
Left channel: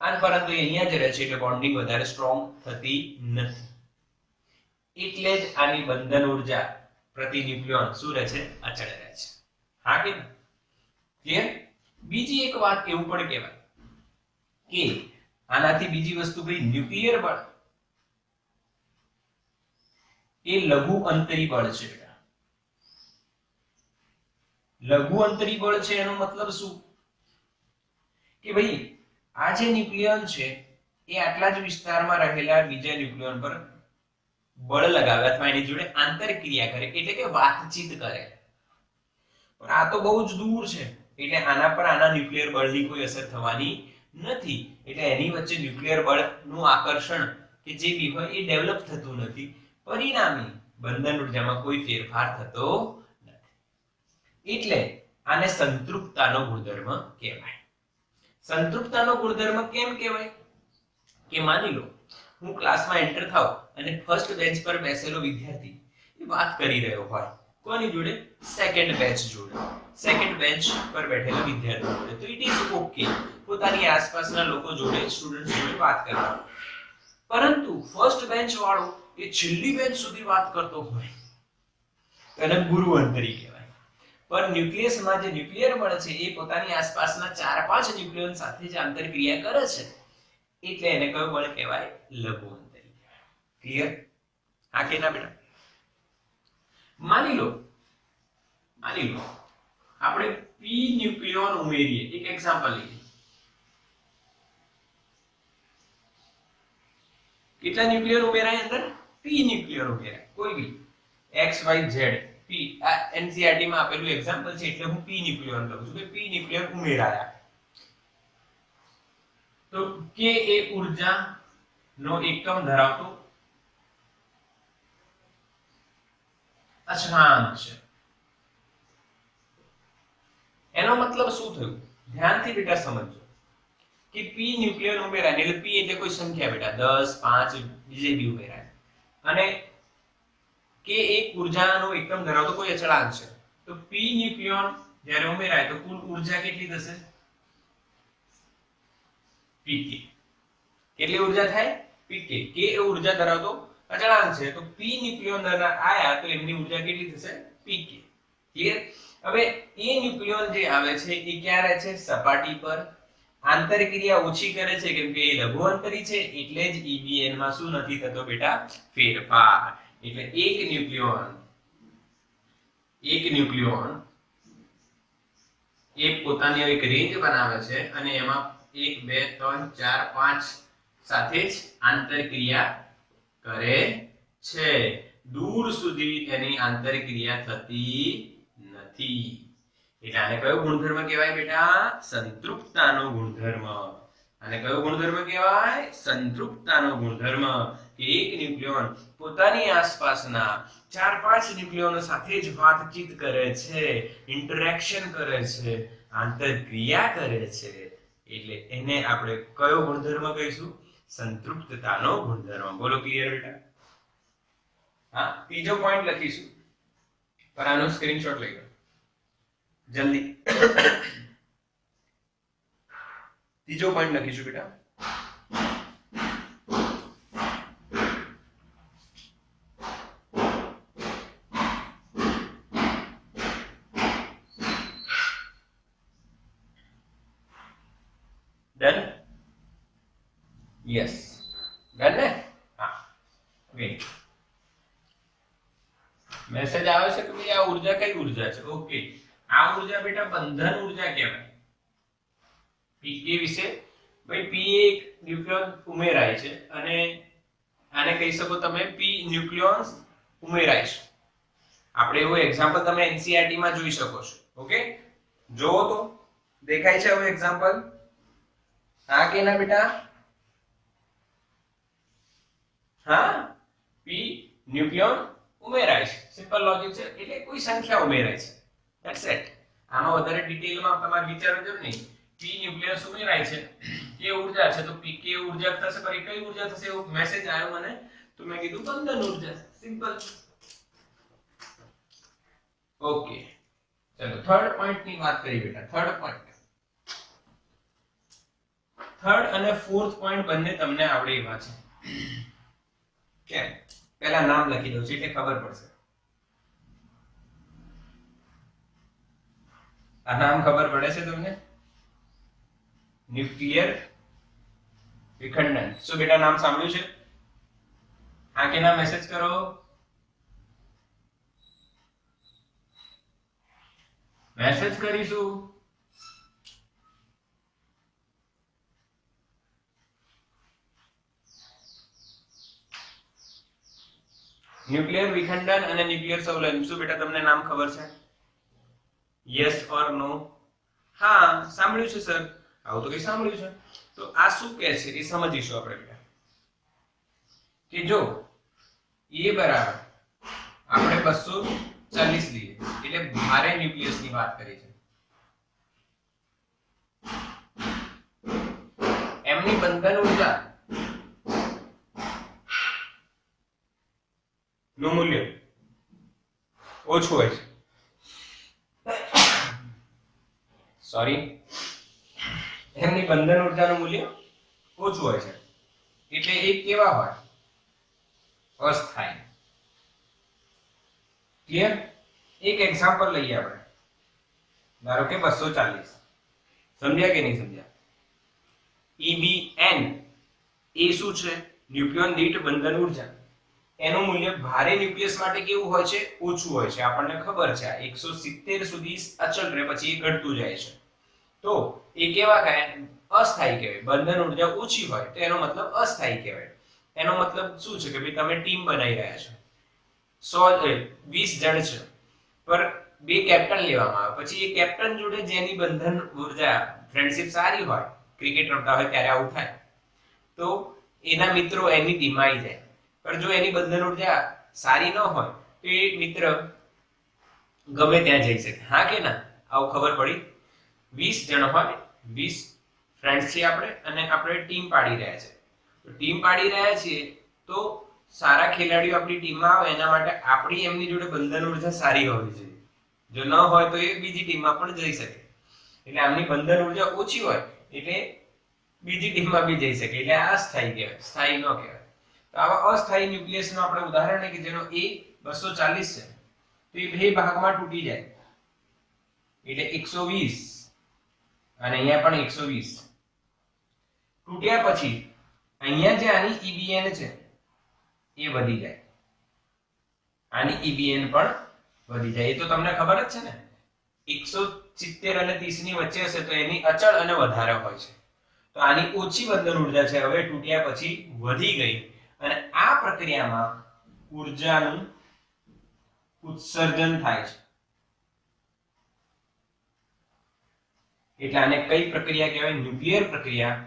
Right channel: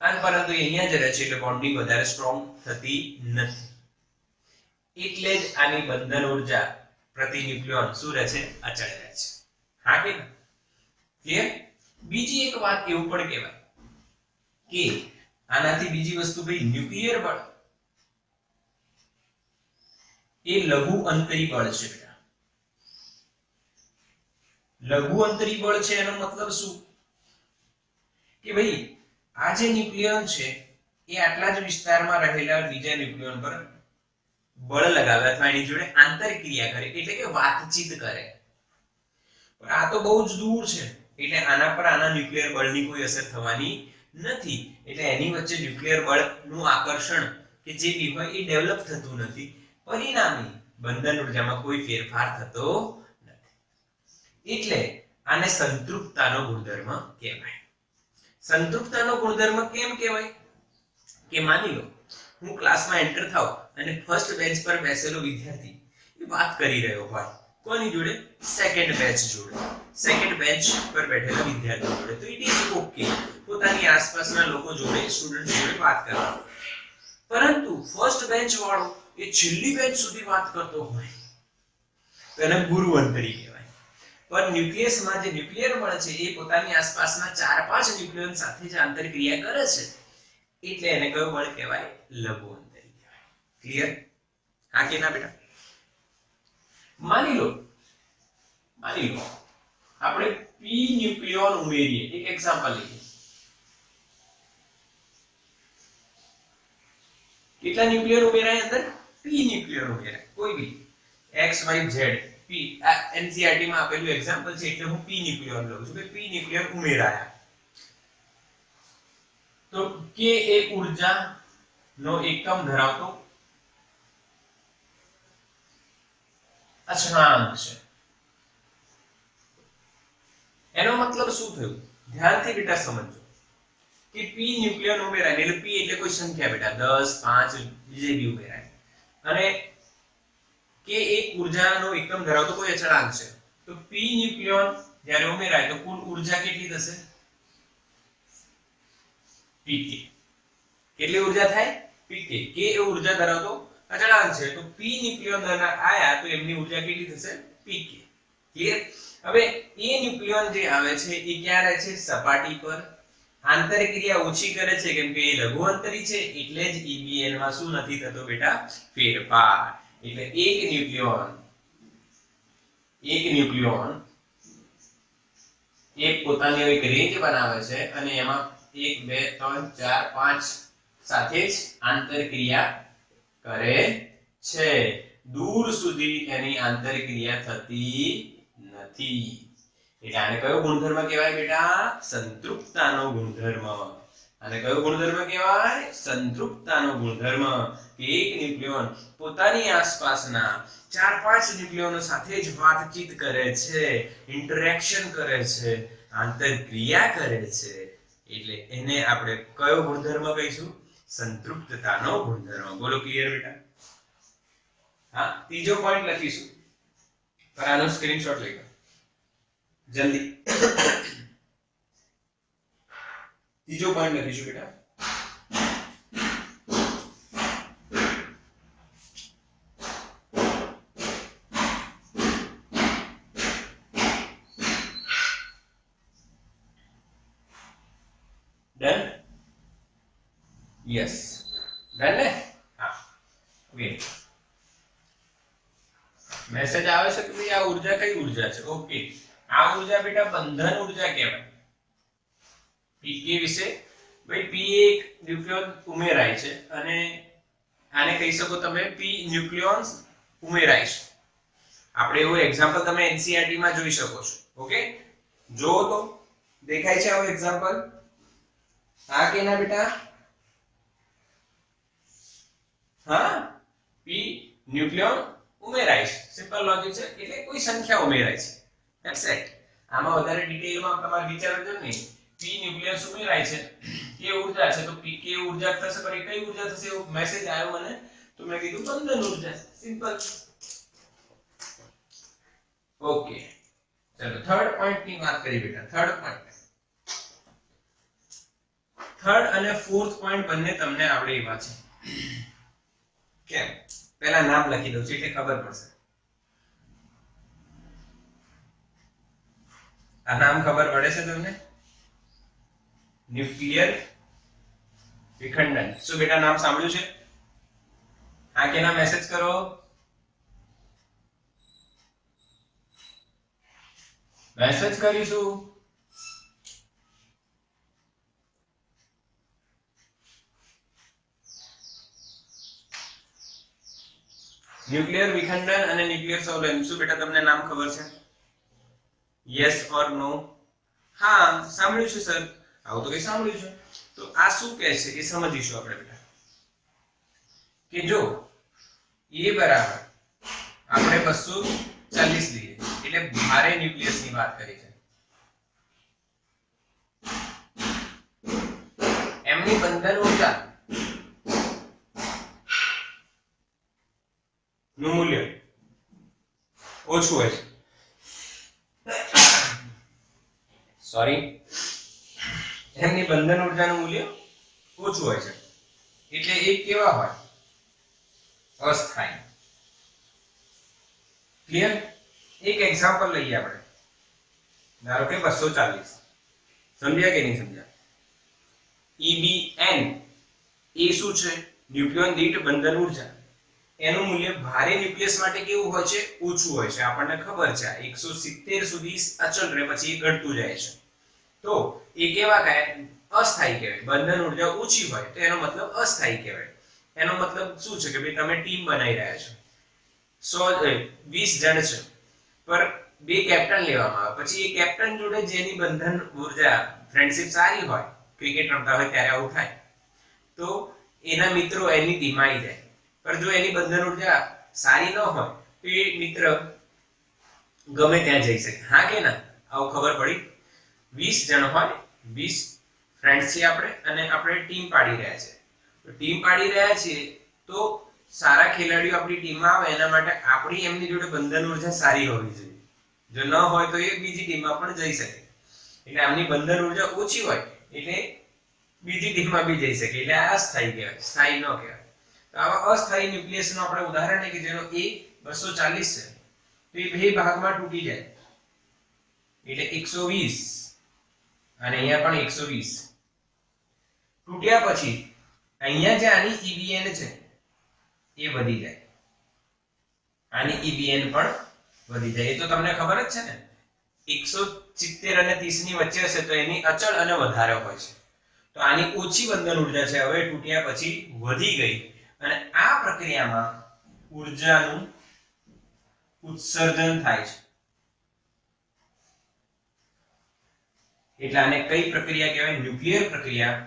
અને પરંતુ અહીંયા જ રહે છે એટલે બોન્ડિંગ વધારે સ્ટ્રોંગ થતી નથી. એટલે જ આની બંધન ઉર્જા પ્રતિ ન્યુક્લિયોન શું રહે છે? અચળ રહે છે. હા કે ક્લિયર? બીજી એક વાત એવું પણ કહેવાય કે આનાથી બીજી વસ્તુ ભાઈ, ન્યુક્લિયર બળ એ લઘુ અંતરી બળ છે. લઘુ અંતરી બળ છે એનો મતલબ શું કે ભાઈ આ જે ન્યુક્લિયન છે એ આટલા જ વિસ્તારમાં રહેલા બીજા ન્યુક્લિયન પર બળ લગાવે અથવા એની જોડે આંતરક્રિયા કરે એટલે કે વાતચીત કરે. પણ આ તો બહુ જ દૂર છે એટલે આના પર આના ન્યુક્લિયર બળની કોઈ અસર થવાની નથી. એટલે એની વચ્ચે ન્યુક્લિયર બળનું આકર્ષણ કે જે બી હોય એ ડેવલપ થતું નથી. પરિણામે બંધન ઉર્જામાં કોઈ ફેરફાર થતો નથી. એટલે આને સંતૃપ્તતાનો ગુણધર્મ કહેવાય. સંતૃપ્તતાનો ગુણધર્મ કેમ કહેવાય કે માની લો હું ક્લાસમાં એન્ટર થાઉં અને ફર્સ્ટ બેન્ચ પર બેસેલો વિદ્યાર્થી એ વાત કરી રહ્યો હોય કોની જોડે સેકન્ડ બેન્ચ જોડે સેકન્ડ બેન્ચ પર બેઠેલા વિદ્યાર્થી જોડે તો ઇટ ઇઝ ઓકે પોતાની આસપાસના લોકો જોડે સ્ટુડન્ટ જોડે વાત કરવાનો. પરંતુ ફર્સ્ટ બેન્ચ વાળો એ છેલ્લી બેન્ચ સુધી વાત કરતો હોય તો એને ગુરુ અંતરી કહેવાય. પણ ન્યુક્લિયસમાં જે ન્યુક્લિયર બળ છે એ પોતાની આસપાસના 4-5 ન્યુક્લિયન સાથે જ આંતરક્રિયા કરે છે એટલે એને કયું બળ કહેવાય લઘુ અંતરી કહેવાય. ક્લિયર? હા કે ના બેટા? માની લો આપણે p ન્યુક્લિયોન ઉમેરીએ. એક એક્ઝામ્પલ લઈએ. કેટલા ન્યુક્લિયન ઉમેરાય અંદર? p ન્યુક્લિયન ઉમેરાય. કોઈ બી x y z p આ NCERT માં આપેલું એક્ઝામ્પલ છે એટલે હું p ન્યુક્લિયન લઉં છું કે p ન્યુક્લિયન ઉમેરાયા. તો k એ ઊર્જા નો એકમ ધરાવતો અચળાંક છે. એનો મતલબ શું થયું? ધ્યાનથી બેટા સમજો કે p ન્યુક્લિયન ઉમેરાય એટલે p એટલે કોઈ સંખ્યા બેટા 10 5 જે બી ઉમેરાય અને k એક ઊર્જાનો એકમ ધરાવતો કોઈ અચળાંક છે. તો p ન્યુક્લિયન જ્યારે ઉમેરાય તો કુલ ઊર્જા કેટલી થશે? pk. કેટલી ઊર્જા થાય? pk. k એ ઊર્જા ધરાવતો અચળાંક છે તો p ન્યુક્લિયન આયા તો એમની ઊર્જા કેટલી થશે? pk. ક્લિયર? હવે એ ન્યુક્લિયન જે આવે છે એ ક્યાં રહે છે? સપાટી પર. આંતરક્રિયા ઓછી કરે છે કેમ કે એ લઘુ અંતરી છે એટલે જ EBN માં શું નથી થતો બેટા? ફેરફાર. એટલે એક ન્યુક્લિયોન એક પોતાની એક રેન્જ બનાવે છે અને એમાં 1 2 3 4 5 સાથે જ આંતરક્રિયા કરે છે. દૂર સુધી એની આંતરક્રિયા થતી નથી. એટલે આને કયો ગુણધર્મ કહેવાય બેટા? સંતૃપ્તતાનો ગુણધર્મ. આને કયો ગુણધર્મ કહેવાય? સંતૃપ્તતાનો ગુણધર્મ. એક ન્યુક્લિયોન પોતાની આસપાસના 4-5 ન્યુક્લિયોનો સાથે જ વાતચીત કરે છે, ઇન્ટરેક્શન કરે છે, આંતરક્રિયા કરે છે એટલે એને આપણે કયો ગુણધર્મ કહીશું? સંતૃપ્તતાનો ગુણધર્મ. બોલો ક્લિયર બેટા? હા, ત્રીજો પોઈન્ટ લખીશું પર આનો સ્ક્રીનશોટ લઈ લો જલ્દી. ત્રીજો પોઈન્ટ લખીશું બેટા. ડન? યસ ડન ને? હા વેટ મેસેજ આવે છે કે ભાઈ આ ઊર્જા કઈ ઊર્જા છે? ઓકે, આ ઊર્જા બેટા બંધન ઊર્જા કહેવાય. pk વિશે ભાઈ p એક ન્યુક્લિયોન ઉમેરાય છે અને આને કહી શકો તમે p ન્યુક્લિયોન્સ ઉમેરાય છે. આપણે એવો એક્ઝામ્પલ તમે NCERT માં જોઈ શકો છો. ઓકે, જોવો તો દેખાય છે હવે એક્ઝામ્પલ? આ કેના બેટા? હા, p ન્યુક્લિયોન ઉમેરાય છે. સિમ્પલ લોજિક છે એટલે કોઈ સંખ્યા ઉમેરાય છે. That's it. આમાં વધારે ડિટેલમાં તમારે વિચારવું જરૂર નહીં. p ન્યુક્લિયસ ઉમેરાય છે કે ઊર્જા છે તો pk ઊર્જા થશે. પર કઈ ઊર્જા થશે એવો મેસેજ આવ્યો મને તો મેં કીધું બંધન ઊર્જા. સિમ્પલ. ઓકે, ચલો થર્ડ પોઈન્ટ ની વાત કરી બેટા. થર્ડ પોઈન્ટ, થર્ડ અને ફોર્થ પોઈન્ટ બંને તમને આવડે એવા છે. કેમ? પહેલા નામ લખી દઉં છું એટલે ખબર પડશે. આ નામ ખબર પડે છે તમને? ન્યુક્લિયર વિખંડન. શું બેટા નામ સાંભળ્યું છે? આ કે ના મેસેજ કરો. મેસેજ કરીશું. ન્યુક્લિયર વિખંડન અને ન્યુક્લિયર સંવલન, શું બેટા તમને નામ ખબર છે? યસ ઓર નો? હા સાંભળ્યું છે સર. આવું તો કઈ સાંભળ્યું છે. તો આ શું કહે છે એ સમજીશું આપણે બેટા. કે જો એ બરાબર આપણે 240 લઈએ એટલે ભારે ન્યુક્લિયસ ની વાત કરી છે. એમની બંધન ઊર્જા નું મૂલ્ય ઓછું હોય છે. સોરી, એમની બંધન ઊર્જાનું મૂલ્ય ઓછું હોય છે એટલે એ કેવા હોય? અસ્થાયી. ક્લિયર? એક એક્ઝામ્પલ લઈએ આપણે. ધારો કે 240. સમજ્યા કે નહીં સમજ્યા? EBN એ શું છે? ન્યુક્લિયોન દીઠ બંધન ઊર્જા. એનું મૂલ્ય ભારે ન્યુક્લિયસ માટે કેવું હોય છે? ઓછું હોય છે. આપણને ખબર છે 170 સુધી અચળ રહે, પછી એ ઘટતું જાય છે. તો એ કેવા કહે? અસ્થાયી કહેવાય. બંધન ઊર્જા ઓછી હોય તો એનો મતલબ અસ્થાયી કહેવાય. એનો મતલબ શું છે કે ભાઈ તમે ટીમ બનાવી રહ્યા છો, 20 જણ છે, પર 2 કેપ્ટન લેવામાં આવે. પછી એ કેપ્ટન જોડે જેની બંધન ઊર્જા ફ્રેન્ડશિપ સારી હોય, ક્રિકેટ રમતા હોય ત્યારે આવું થાય, તો એના મિત્રો એની ટીમમાં આવી જાય. પણ જો એની બંધન ઊર્જા સારી ન હોય તો એ મિત્ર ગમે ત્યાં જઈ શકે. હા કે ના? આવું ખબર પડી? 20 જણ હોય, 20 ફ્રેન્ડ્સ છીએ આપણે, અને આપણે ટીમ પાડી રહ્યા છે. તો ટીમ પાડી રહ્યા છીએ તો સારા ખેલાડીઓ આપણી ટીમમાં આવે એના માટે આપણી એમની જોડે બંધન ઊર્જા સારી હોવી જોઈએ. જો ન હોય તો એ બીજી ટીમમાં પણ જઈ શકે. એટલે આમની બંધન ઊર્જા ઓછી હોય એટલે બીજી ટીમમાં બી જઈ શકે. એટલે આ અસ્થાયી કહેવાય, સ્થાયી ન કહેવાય. તો આવા અસ્થાયી ન્યુક્લિયસનું આપણે ઉદાહરણ છે કે જેનો એ 240 છે, તો એ બે ભાગમાં તૂટી જાય એટલે 120 અને અહીંયા પણ 120. તૂટ્યા પછી અહીંયા જે આની EBN છે એ વધી જાય, આની EBN પણ વધી જાય. એ તો તમને ખબર જ છે ને, 170 અને 30 ની વચ્ચે હશે તો એની અચળ અને વધારે હોય છે. તો આની ઓછી બંધન ઊર્જા છે, હવે તૂટ્યા પછી વધી ગઈ, અને આ પ્રક્રિયામાં ઊર્જાનું ઉત્સર્જન થાય છે. એટલે આને કઈ પ્રક્રિયા કહેવાય? ન્યુક્લિયર પ્રક્રિયા,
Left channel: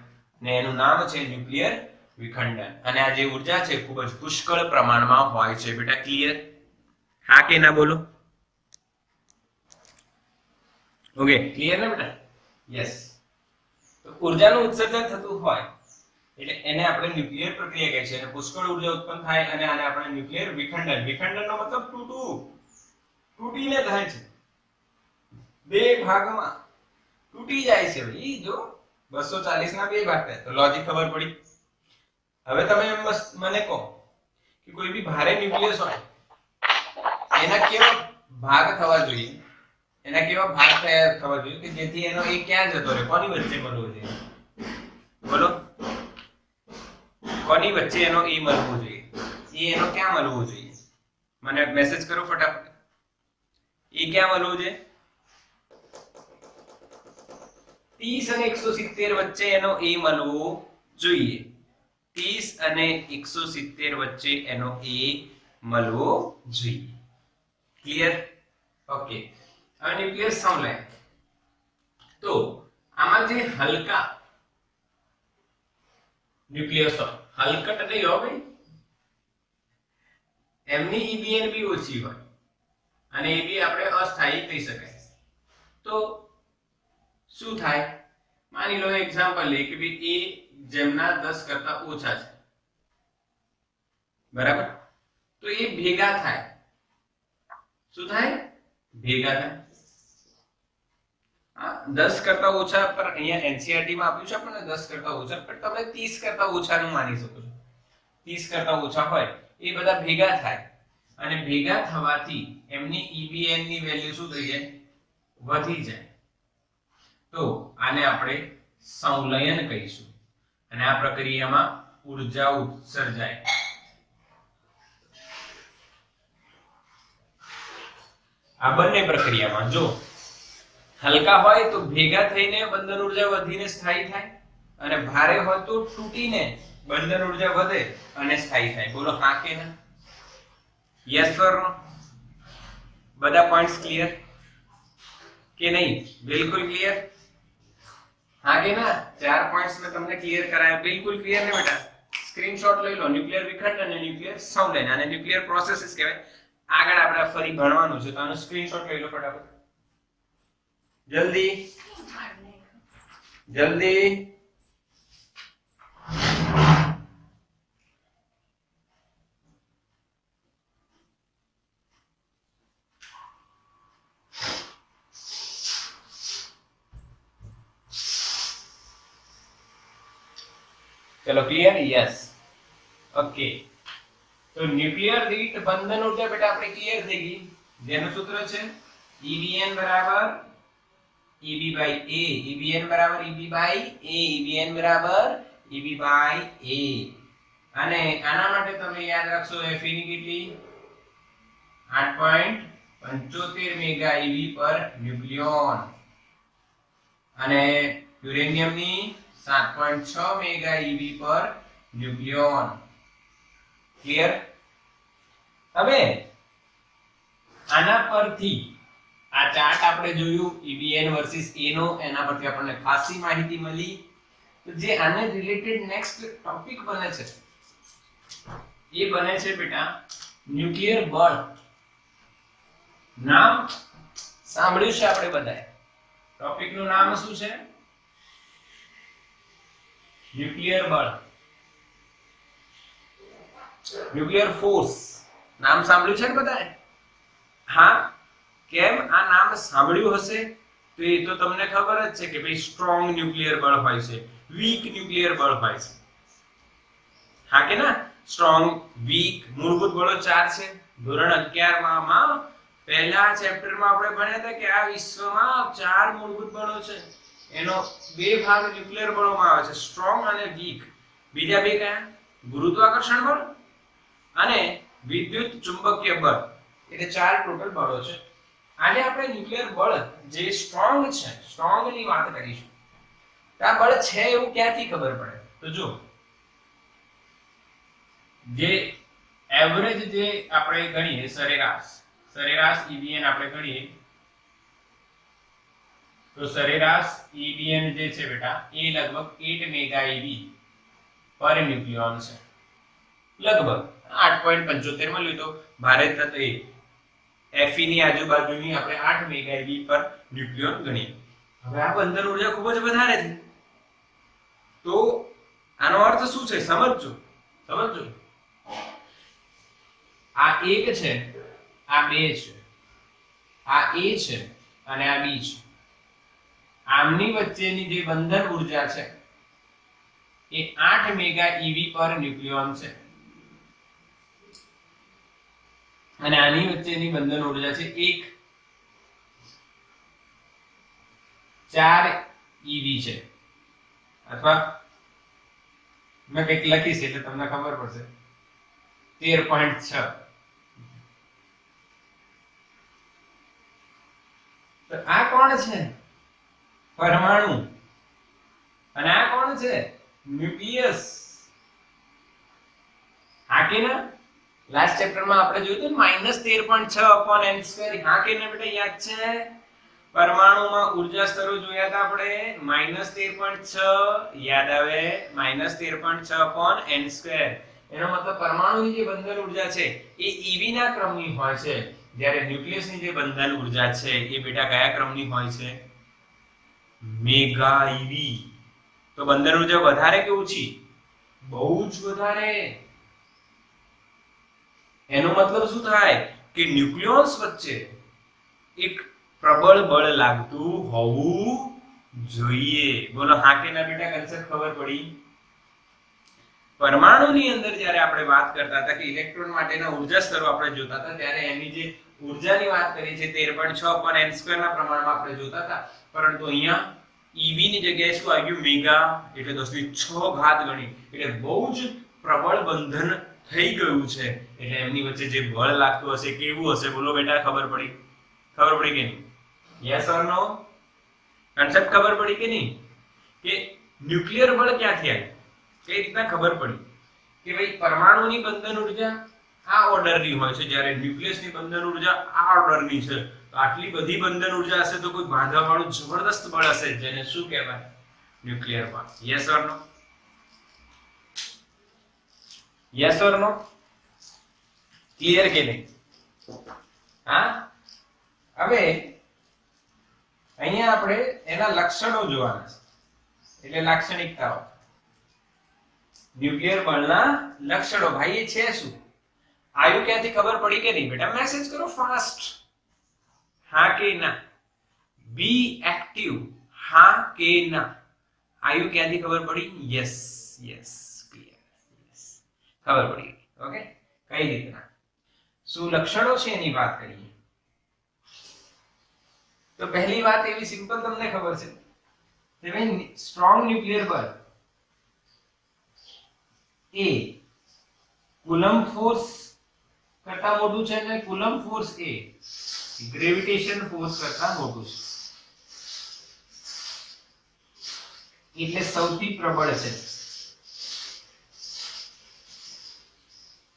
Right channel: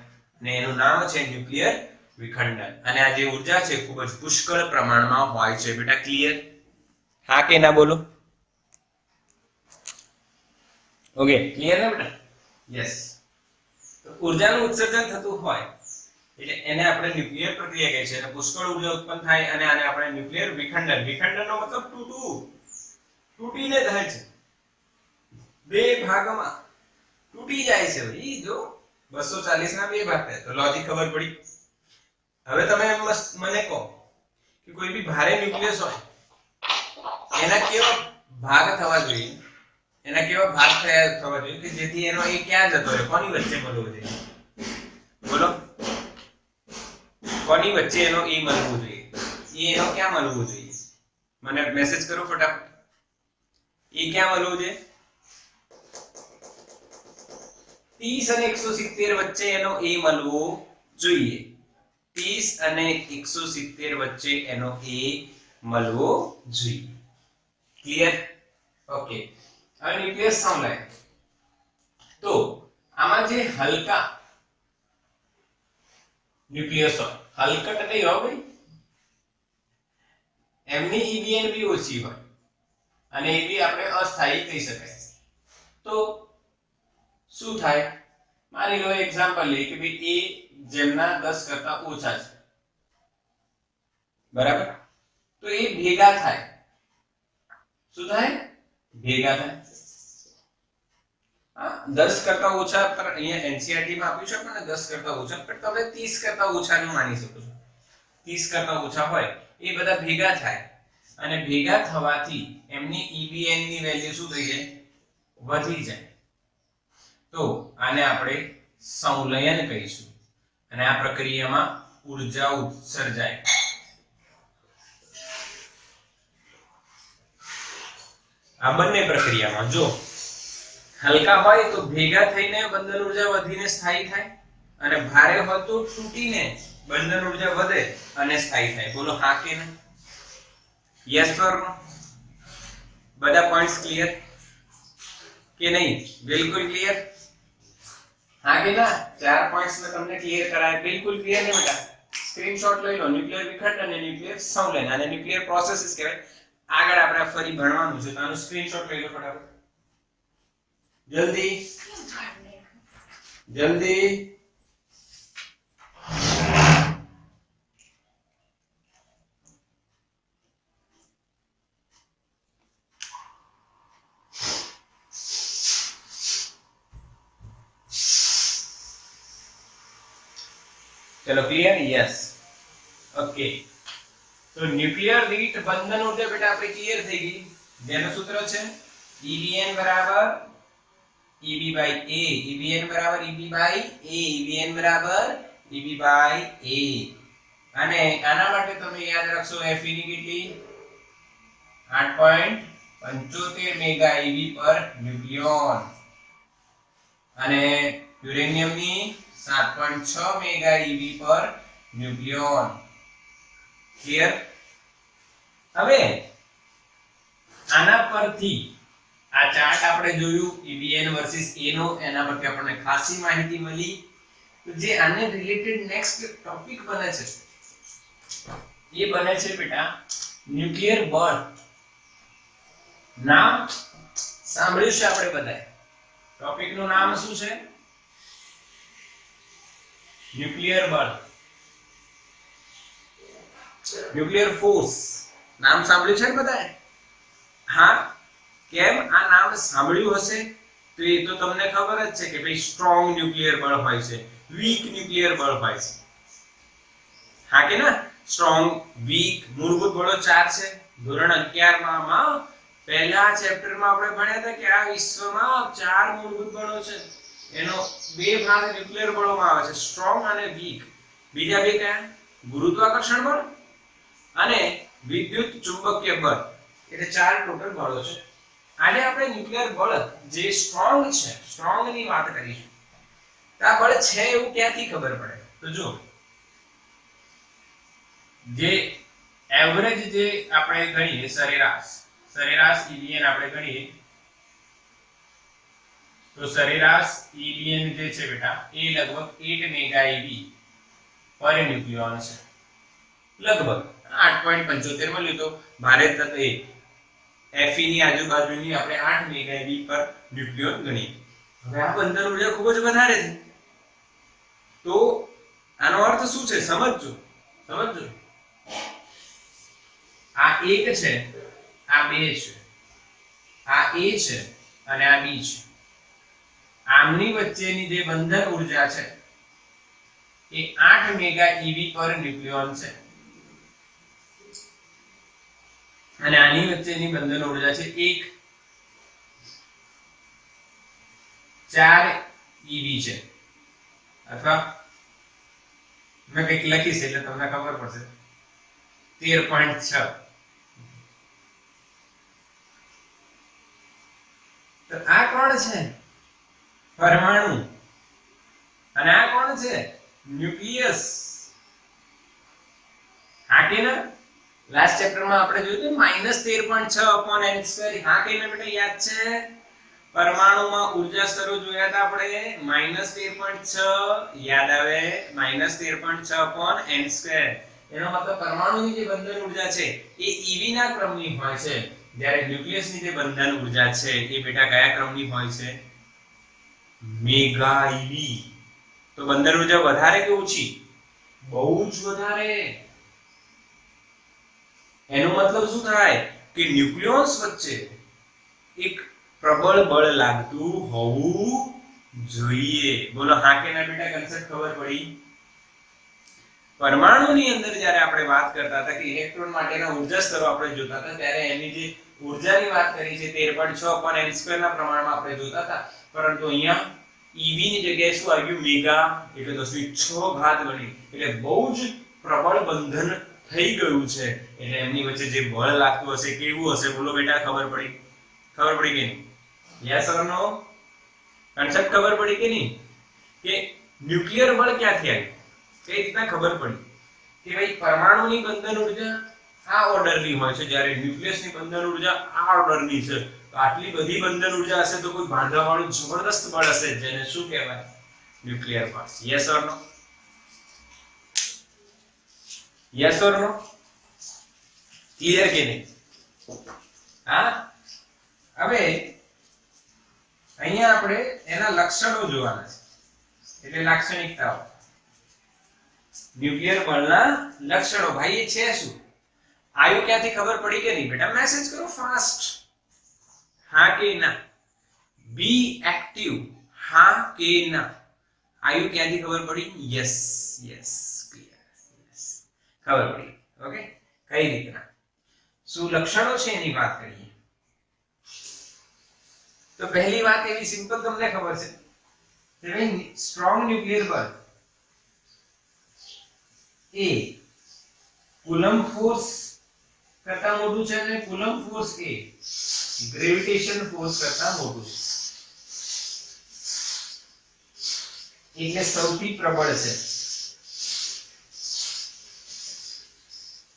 અને એનું નામ છે ન્યુક્લિયર વિખંડન. અને આ જે ઊર્જા છે ખૂબ જ પુષ્કળ પ્રમાણમાં હોય છે. બેટા ક્લિયર? હા કે ના બોલો? ઓકે, ક્લિયર ને બેટા? યસ. તો ઊર્જાનું ઉત્સર્જન થતું હોય એટલે એને આપણે ન્યુક્લિયર પ્રક્રિયા કહે છે, અને પુષ્કળ ઊર્જા ઉત્પન્ન થાય અને આને આપણે ન્યુક્લિયર વિખંડન. વિખંડનનો મતલબ તૂટવું, તૂટીને થાય છે, બે ભાગમાં તૂટી જાય છે. ભાઈ જો 240 ના બે ભાગ થાય તો લોજિક ખબર પડી. હવે તમે મને કહો કે કોઈ બી ભારે ન્યુક્લિયસ હોય એના કેવા ભાગ થવા જોઈએ? એના કેવા ભાગ થવા જોઈએ કે જેથી એનો એ ક્યાં જતો રહે? કોની વચ્ચે મળવો જોઈએ? બોલો, કોની વચ્ચે એનો એ મળવો જોઈએ? એ એનો ક્યાં મળવો જોઈએ? મને મેસેજ કરો ફટાફટ. એ ક્યાં મળવો જોઈએ? 30 અને 170 વચ્ચે એનો એ મળવો જોઈએ. 30 અને 170 વચ્ચે એનો એ મળવો જોઈએ. ક્લિયર? ઓકે. હવે ન્યુક્લિયસ સંવલય. તો આમાં જે હલકા ન્યુક્લિયસ હોય, હલકટ નહીં હો ભાઈ, એમની EBN બી ઓછી હોય અને એ બી આપણે અસ્થાયી કહી શકાય. તો શું થાય? માની લો એક્ઝામ્પલ લઈએ કે ભાઈ એ જેમના 10 કરતા ઓછા છે, બરાબર? તો એ ભેગા થાય. શું થાય? ભેગા થાય. 10 કરતા ઓછા, પર અહીંયા NCERT માં આપ્યું છે આપણને 10 કરતા ઓછા, પણ તમે 30 કરતા ઓછાનું માની શકો છો. 30 કરતા ઓછા હોય એ બધા ભેગા થાય, અને ભેગા થવાથી એમની EBN ની વેલ્યુ શું થઈ જાય? વધી જાય. તો આને આપણે સંવલયન કહીશું. અને આ પ્રક્રિયામાં ઊર્જા ઉત્સર્જાય. આ બંને પ્રક્રિયામાં જો હલકા હોય તો ભેગા થઈને બંધન ઉર્જા વધીને સ્થાયી થાય અને ભારે હોય તો તૂટીને બંધન ઉર્જા વધે અને સ્થાયી થાય. બોલો હા કે ના? યસ ઓર નો? બધા પોઈન્ટ્સ ક્લિયર કે નહીં? બિલકુલ ક્લિયર? હા કે ના? 4 પોઈન્ટ્સ મેં તમને ક્લિયર કરાયા. બિલકુલ ક્લિયર ને બેટા? સ્ક્રીનશોટ લઈ લો. ન્યુક્લિયર વિખંડ અને ન્યુક્લિયર સંવલન અને ન્યુક્લિયર પ્રોસેસીસ કહેવાય. આગળ આપણે ફરી ભણવાનું છે તો આનો સ્ક્રીનશોટ લઈ લો ફટાફટ. જલ્દી જલ્દી. चलो क्लियर? Yes okay. तो न्यूक्लियर वीट बंधन ऊर्जा बेटा આપણે ક્લિયર થઈ ગઈ. જેનું સૂત્ર છે EBN બરાબર EB by A, EBN બરાબર EB by A, EBN બરાબર EB by A. અને આના માટે તમે યાદ રાખશો Fe ની કેટલી 8.75 મેગા EB પર ન્યુક્લિયોન અને યુરેનિયમ ની 7.6 મેગા EB પર ન્યુક્લિયોન. ક્લિયર? હવે આના પરથી આ ચાર્ટ આપણે જોયું EBN વર્સિસ A નો, એના પરથી આપણને ખાસી માહિતી મળી. તો જે આને રિલેટેડ નેક્સ્ટ ટોપિક બને છે એ બને છે બેટા ન્યુક્લિયર બળ. નામ સાંભળ્યું છે આપણે બધાએ? ટોપિક નું નામ શું છે? ન્યુક્લિયર બળ, ન્યુક્લિયર ફોર્સ. નામ સાંભળ્યું છે ને બધાએ? હા. કેમ આ નામ સાંભળ્યું હશે તો એ તો તમને ખબર જ છે કે ભાઈ સ્ટ્રોંગ ન્યુક્લિયર બળ હોય છે, વીક ન્યુક્લિયર બળ હોય છે. હા કે ના? સ્ટ્રોંગ, વીક, મૂળભૂત બળો 4 છે. ધોરણ 11 માં પહેલા ચેપ્ટરમાં આપણે ભણ્યા હતા કે આ વિશ્વમાં 4 મૂળભૂત બળો છે. એનો 2 ભાગ ન્યુક્લિયર બળોમાં આવે છે, સ્ટ્રોંગ અને વીક. બીજા 2 કયા? ગુરુત્વાકર્ષણ બળ અને વિદ્યુત ચુંબકીય બળ. એટલે 4 ટોટલ બળો છે. આજે આપણે ન્યુક્લિયર બળ જે સ્ટ્રોંગ છે, સ્ટ્રોંગ ની વાત કરીશું. આ બળ છે એવું ક્યાંથી ખબર પડે? તો જો જે એવરેજ જે આપણે ગણીએ સરેરાશ EBN આપણે ગણીએ તો સરેરાશ EBN જે છે બેટા એ લગભગ 8 મેગા EB પર ન્યુક્લિયોન છે. લગભગ 8.75 મળ્યું તો ભારે તત્વ Fe ની આજુબાજુની આપણે 8 મેગા EB પર ન્યુક્લિયોન ગણીએ. હવે આ બંધન ઉર્જા ખૂબ જ વધારે છે. તો આનો અર્થ શું છે? સમજો. આ 1 છે, આ 2 છે, આ A છે અને આ B છે. આમની વચ્ચેની જે બંધન ઉર્જા છે એ 8 મેગા EB પર ન્યુક્લિયોન છે અને આની વચ્ચેની બંધન ઉર્જા છે 4 EB છે. અથવા મેં કંઈક લખીશ એટલે તમને ખબર પડશે 13.6. તો આ કોણ છે? પરમાણુ. અને આ કોણ છે? ન્યુક્લિયસ. હા કે ના? લાસ્ટ ચેપ્ટરમાં આપણે જોયું હતું -13.6/n². હા કે ના બેટા? યાદ છે? પરમાણુમાં ઊર્જા સ્તરો જોયા હતા આપણે. -13.6 યાદ આવે? -13.6/n². એનો મતલબ પરમાણુની જે બંધન ઊર્જા છે એ EV ના ક્રમની હોય છે, જ્યારે ન્યુક્લિયસની જે બંધન ઊર્જા છે એ બેટા કયા ક્રમની હોય છે? Mega EV. તો બંધન ઊર્જા વધારે કે ઓછી? બહુ જ વધારે. એનો મતલબ શું થાય કે ન્યુક્લિયોન્સ વચ્ચે એક પ્રબળ બળ લાગતું હોવું જોઈએ. બોલો હા કે ના બેટા? કન્સેપ્ટ ખબર પડી? પરમાણુની અંદર જ્યારે આપણે વાત કરતા હતા કે ઇલેક્ટ્રોન માટેના ઊર્જા સ્તરો આપણે જોતા હતા ત્યારે એની જે ઊર્જાની વાત કરી છે 13.6/n² ના પ્રમાણમાં આપણે જોતા હતા. પરંતુ અહીંયા EV ની જગ્યાએ શું આવ્યું? મેગા. એટલે 10⁶ ગણી. એટલે બહુ જ પ્રબળ બંધન થઈ ગયું છે. એટલે એમની વચ્ચે જે બળ લાગતું હશે કેવું હશે? બોલો બેટા, ખબર પડી કે નહીં? Yes or no? કન્સેપ્ટ ખબર પડી કે નહીં કે ન્યુક્લિયર બળ ક્યાંથી આવ્યું, કઈ રીતના ખબર પડી કે ભાઈ પરમાણુની બંધન ઉર્જા આ ઓર્ડરની હોય છે, જ્યારે ન્યુક્લિયસની બંધન ઉર્જા આ ઓર્ડરની છે. તો આટલી બધી બંધન ઉર્જા હશે તો કોઈ બાંધવાવાળું જબરદસ્ત બળ હશે, જેને શું કહેવાય? ન્યુક્લિયર બળ. Yes or no? Yes or no? Clear કે નહીં? હા, હવે અહીંયા આપણે એના લક્ષણો જોવાના છે, એટલે લાક્ષણિકતાઓ. ન્યુક્લિયર બળના લક્ષણો ભાઈ એ છે શું? આયુ ક્યાંથી ખબર પડી કે નહીં બેટા? મેસેજ કરો ફાસ્ટ. હા કે ના? બી એક્ટિવ. હા કે ના? આયુ ક્યાંથી ખબર પડી? Yes yes, clear. યસ, ખબર પડી. ઓકે, કઈ રીતના, શું લક્ષણો છે એની વાત કરીએ. તો પહેલી વાત એવી સિમ્પલ તમને ખબર છે કે ભાઈ સ્ટ્રોંગ ન્યુક્લિયર બળ એ કુલમ્બ ફોર્સ કરતા મોટું છે, અને કુલમ્બ ફોર્સ એ ગ્રેવિટેશન ફોર્સ કરતા મોટું છે, એટલે સૌથી પ્રબળ છે.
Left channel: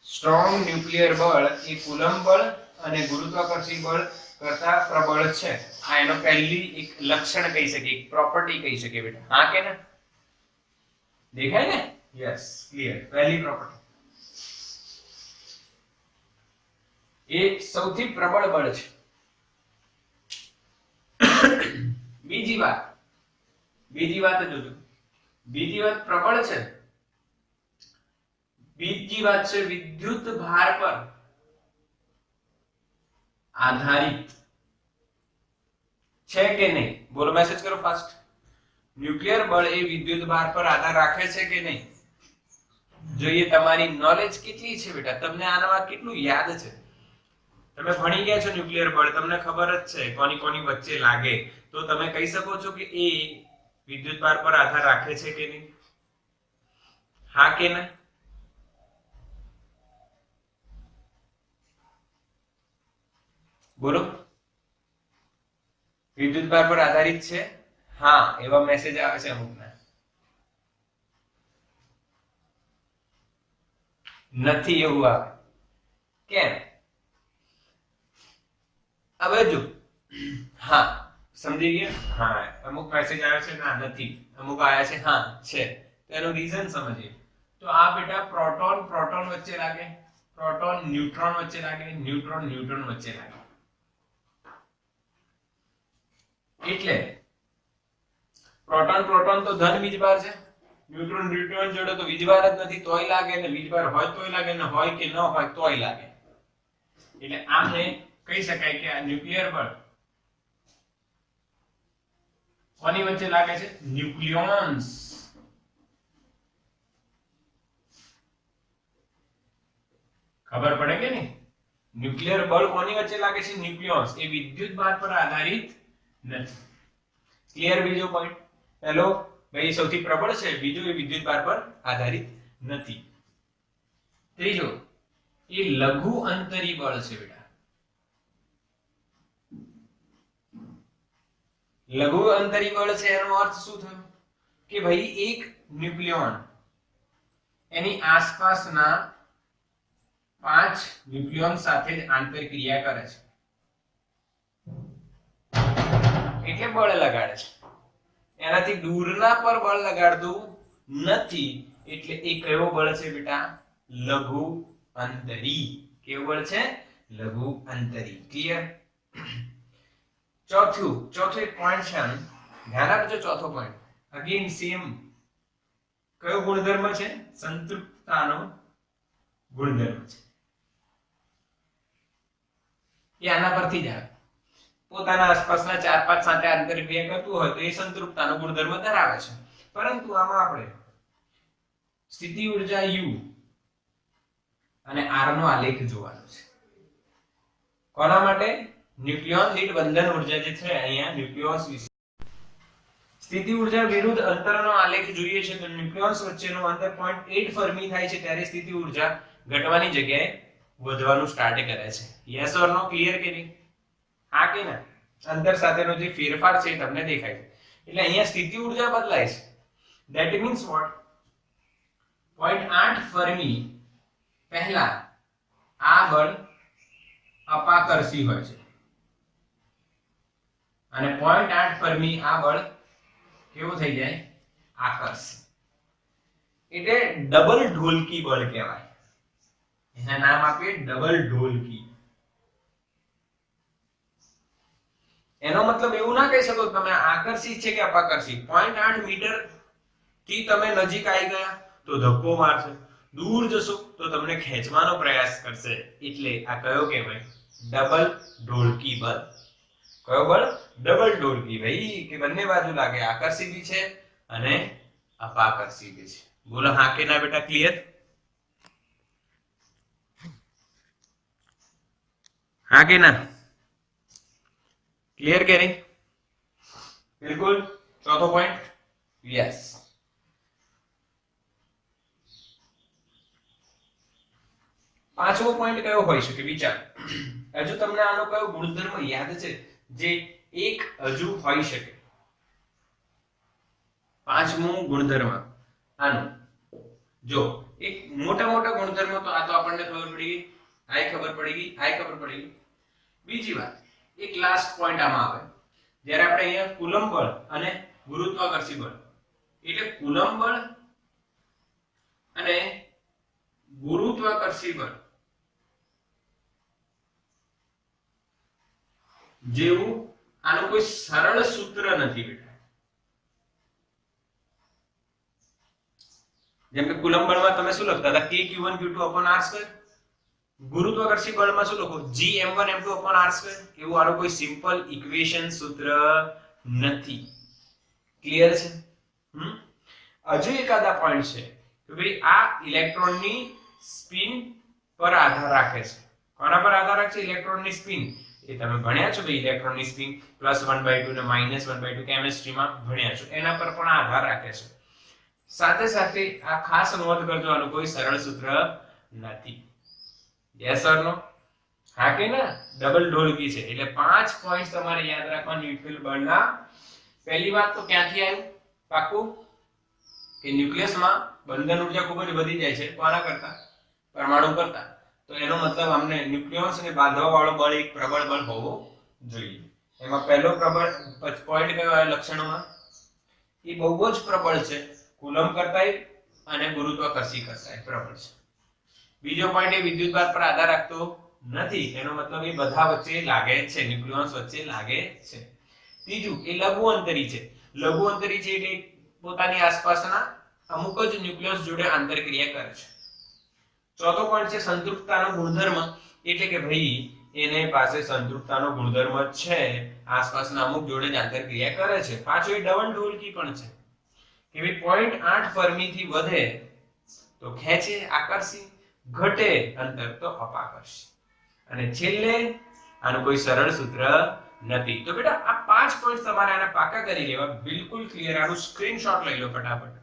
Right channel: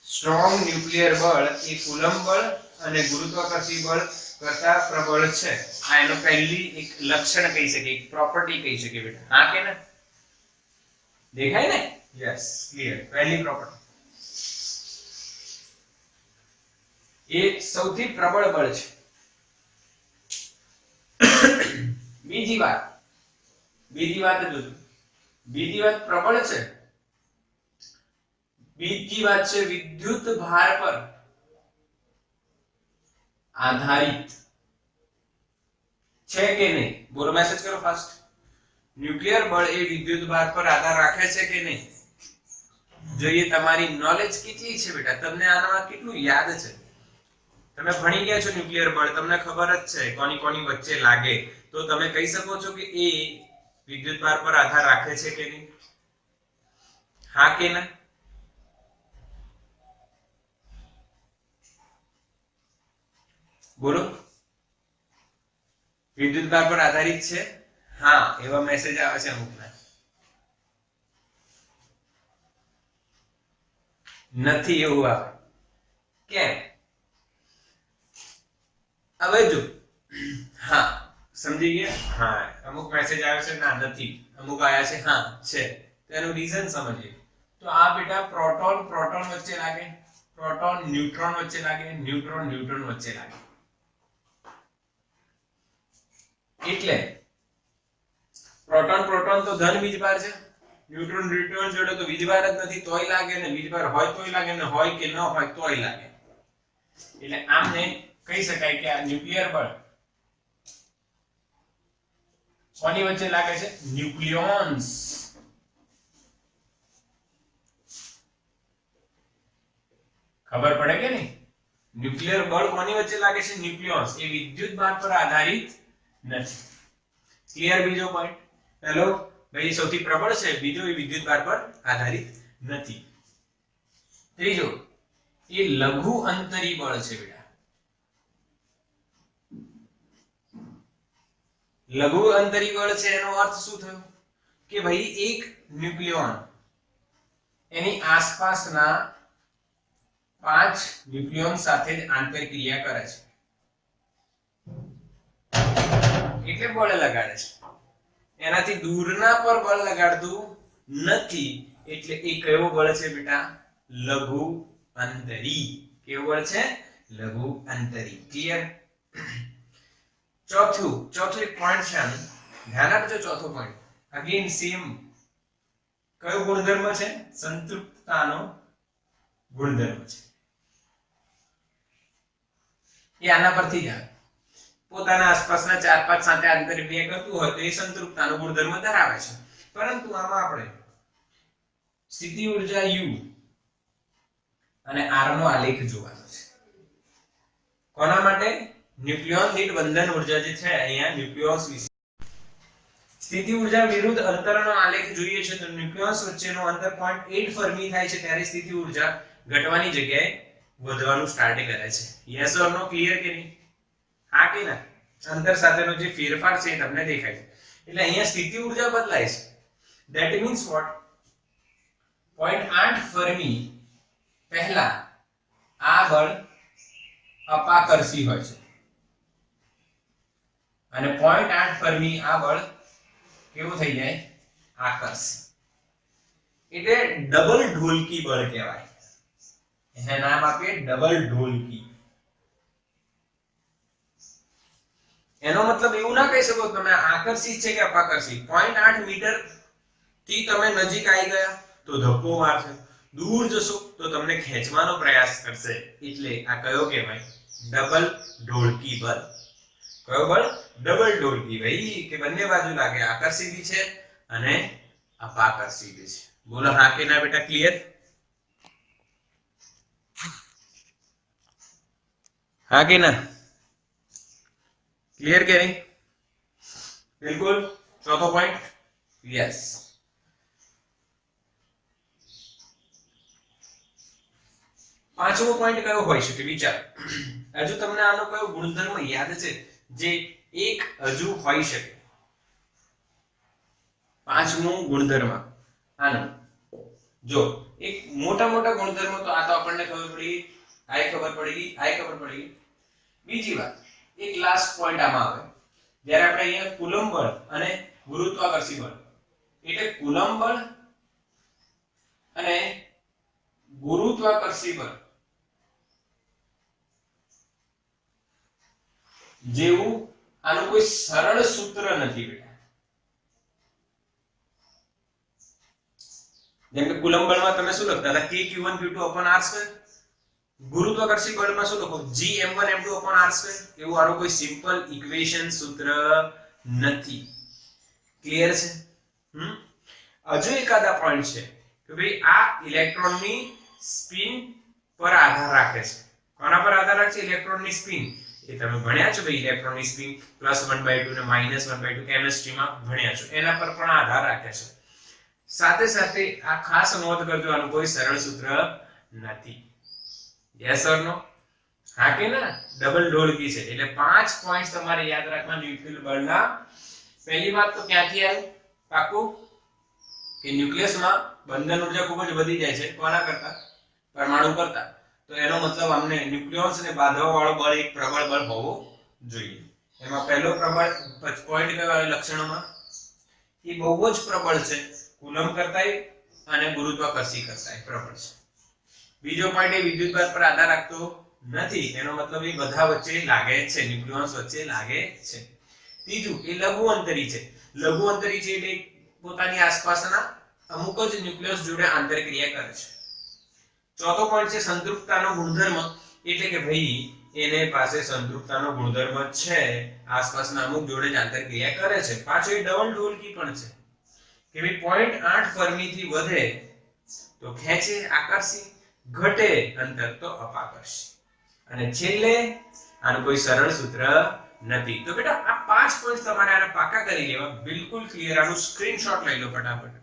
સ્ટ્રોંગ ન્યુક્લિયર બળ એ કુલમ્બ બળ અને ગુરુત્વાકર્ષી બળ કરતા પ્રબળ છે. આ એનો પહેલી એક લક્ષણ કહી શકીએ, એક પ્રોપર્ટી કહી શકીએ બેટા. હા કે ના? દેખાય ને? Yes, clear. પહેલી પ્રોપર્ટી એ સૌથી પ્રબળ બળ છે. બીજી વાત જોજો. બીજી વાત પ્રબળ છે. બીજી વાત છે વિદ્યુત ભાર પર આધારિત છે કે નહીં? બોલો, મેસેજ કરો ફાસ્ટ. ન્યુક્લિયર બળ એ વિદ્યુત ભાર પર આધાર રાખે છે કે નહીં? જોઈએ તમારી નોલેજ કેટલી છે બેટા, તમને આનામાં કેટલું યાદ છે. તમે ભણી ગયા છો ન્યુક્લિયર બળ, તમને ખબર જ છે કોની કોની વચ્ચે લાગે, તો તમે કહી શકો છો કે એ વિદ્યુત ભાર પર આધાર રાખે છે કે નહીં? હા કે ના? બોલો, વિદ્યુત ભાર પર આધારિત છે? હા, એવા મેસેજ આવે છે અમુકના. નથી એવું આવે. કેમ? હવે જો, હા સમજી ગયા? હા, અમુક મેસેજ આવે છે ના નથી, અમુક આવ્યા છે હા છે. તેનું રીઝન સમજીએ. તો આ બેટા પ્રોટોન પ્રોટોન વચ્ચે લાગે, પ્રોટોન ન્યુટ્રોન વચ્ચે લાગે, ન્યુટ્રોન ન્યુટ્રોન વચ્ચે લાગે. એટલે પ્રોટોન પ્રોટોન તો ધન વીજભાર છે, ન્યુટ્રોન ન્યુટ્રોન જોડે તો વીજભાર જ નથી તોય લાગે, ને વીજભાર હોય તોય લાગે, ને હોય કે ન હોય તોય લાગે. એટલે આમને કહી શકાય કે આ ન્યુક્લિયર બળ કોની વચ્ચે લાગે છે? ન્યુક્લિયોન્સ. ખબર પડે કે નહીં? ન્યુક્લિયર બળ કોની વચ્ચે લાગે છે? ન્યુક્લિયોન્સ. એ વિદ્યુત ભાર પર આધારિત નથી. ક્લિયર? બીજો પોઈન્ટ. હેલો ભાઈ, સૌથી પ્રબળ છે. બીજો, એ વિદ્યુત ભાર પર આધારિત નથી. ત્રીજો, એ લઘુ અંતરી બળ છે બેટા. લઘુ અંતરી બળ છે એનો અર્થ શું થયો? કે ભાઈ એક ન્યુક્લિયોન એની આસપાસના 5 ન્યુક્લિયોન સાથે જ આંતરક્રિયા કરે છે, એટલે બળ લગાડે છે. એનાથી દૂરના પર બળ લગાડતું નથી, એટલે એ કયો બળ છે બેટા? લઘુ અંતરી. કેવું બળ છે? લઘુ અંતરી. ક્લિયર? ચોથું એક પોઈન્ટ છે, ધ્યાન આપજો. ચોથો પોઈન્ટ અગેન સેમ. કયો ગુણધર્મ છે? સંતૃપ્તતાનો ગુણધર્મ છે. એ આના પરથી જ આવે. પોતાના આસપાસના 4-5 સાથે આંતરક્રિયા કરતું હોય તો એ સંતૃપ્તતાનો ગુણધર્મ ધરાવે છે. પરંતુ આમાં આપણે સ્થિતિ ઊર્જા U અને R નો આલેખ જોવાનો છે. કોના માટે? ન્યુક્લિયોન દીઠ બંધન ઊર્જા જે છે, અહીંયા ન્યુક્લિયોન્સ વિશે સ્થિતિ ઊર્જા વિરુદ્ધ અંતરનો આલેખ જોઈએ છે. તો ન્યુક્લિયોન્સ વચ્ચેનું અંતર 0.8 ફર્મી થાય છે, ત્યારે સ્થિતિ ઊર્જા ઘટવાની જગ્યાએ વધવાનું સ્ટાર્ટ કરે છે. Yes or no? ક્લિયર કે નહીં? હા કે ના? અંતર સાથેનો જે ફેરફાર છે એ તમને દેખાય છે. એટલે અહીંયા સ્થિતિ ઊર્જા બદલાય છે. ધેટ મીન્સ વોટ 0.8 ફર્મી પહેલા આ બળ અપાકર્ષી હોય છે અને 0.8 ફર્મી આ બળ કેવું થઈ જાય આકર્ષી. એટલે ડબલ ઢોલકી બળ કહેવાય. એને નામ આપીએ ડબલ ઢોલકી. એનો મતલબ એવું ના કહી શકો તમે આકર્ષિત છે કે અપાકર્ષિત. 0.8 મીટર થી તમે નજીક આવી ગયા તો ધક્કો મારશે, દૂર જશો તો તમને ખેંચવાનો પ્રયાસ કરશે. એટલે આ કયો કહેવાય ડબલ ઢોલકી બળ. કયો બળ ડબલ ઢોલકી. ભાઈ કે બંને બાજુ લાગે, આકર્ષિત છે અને અપાકર્ષિત છે. બોલો હા કે ના બેટા? ક્લિયર? હા કે ના? क्लियर के नहीं? बिल्कुल. चौथा पॉइंट यस. પાંચમો પોઈન્ટ કયો હોઈ શકે વિચાર. હજુ તમને આનો કયો ગુણધર્મ યાદ છે જે એક હજુ હોઈ શકે? પાંચમો ગુણધર્મ આનો જો એક મોટા મોટા ગુણધર્મો તો આ તો આપણને ખબર પડી, આઈ ખબર પડી ગઈ. બીજી વાત એક લાસ્ટ પોઈન્ટ આમાં આવે જ્યારે આપણે અહીંયા કુલંબ બળ અને ગુરુત્વાકર્ષી બળ, એટલે કુલંબ બળ અને ગુરુત્વાકર્ષી બળ જેવું આનું કોઈ સરળ સૂત્ર નથી બેટા. જેમ કે કુલંબ બળમાં તમે શું લખતા હતા? K Q1 Q2 r². ગુરુત્વાકર્ષી બળમાં શું લખો? G m1 m2 r². એવું આનું કોઈ સિમ્પલ ઇક્વેશન સૂત્ર નથી. ક્લિયર છે? હજુ એકાદા પોઈન્ટ છે કે ભાઈ આ ઇલેક્ટ્રોનની સ્પિન પર આધાર રાખે છે. કોના પર આધાર રાખે છે? ઇલેક્ટ્રોનની સ્પિન. એ તમે ભણ્યા છો ભાઈ, ઇલેક્ટ્રોનની સ્પિન +1/2 ને -1/2 કેમિસ્ટ્રીમાં ભણ્યા છો. એના પર પણ આધાર રાખે છે. સાથે સાથે આ ખાસ નોંધ કરજો, આનું કોઈ સરળ સૂત્ર નથી. યસ ઓર નો? હા કે ના? ડબલ ઢોલકી છે. એટલે 5 પોઈન્ટ્સ તમારે યાદ રાખવા ન્યુક્લિયર બળના. પહેલી વાત તો ક્યાંથી આવ્યું પાકું કે ન્યુક્લિયસમાં બંધન ઉર્જા ખૂબ જ વધી જાય છે કોના કરતા? પરમાણુ કરતા. તો એનો મતલબ અમને ન્યુક્લિયસને બાંધવા વાળો બળ એક પ્રબળ બળ હોવો જોઈએ. એમાં પહેલો પ્રબળ પોઈન્ટ કયો આવે લક્ષણોમાં? એ બહુ જ પ્રબળ છે, કુલંબ કરતાંય અને ગુરુત્વાકર્ષી કરતાંય પ્રબળ છે. બીજો પોઈન્ટ એ વિદ્યુતભાર પર આધાર રાખતો નથી. એનો મતલબ એ બધા વચ્ચે લાગે છે, ન્યુક્લિયસ વચ્ચે લાગે છે. ત્રીજું એ લઘુ અંતરી છે. લઘુ અંતરી છે એટલે પોતાની આસપાસના અમુક જ ન્યુક્લિયસ જોડે આંતરક્રિયા કરે છે. ચોથો પોઈન્ટ છે સંતૃપ્તતાનો ગુણધર્મ. એટલે કે ભાઈ એને પાસે સંતૃપ્તતાનો ગુણધર્મ છે, આસપાસના અમુક જોડે જ આંતરક્રિયા કરે છે. પાછો એ ડબલ ઢોલકી પણ છે કે ભાઈ 0.8 ફર્મી થી વધે તો ખેંચે આકર્ષી, ઘટે અંતર તો અપાકર્ષી. અને છેલ્લે આનું કોઈ સરળ સૂત્ર નથી. તો બેટા આ 5 પોઈન્ટ તમારે આને પાકા કરી લેવા. બિલકુલ ક્લિયર. આનું સ્ક્રીનશોટ લઈ લો ફટાફટ.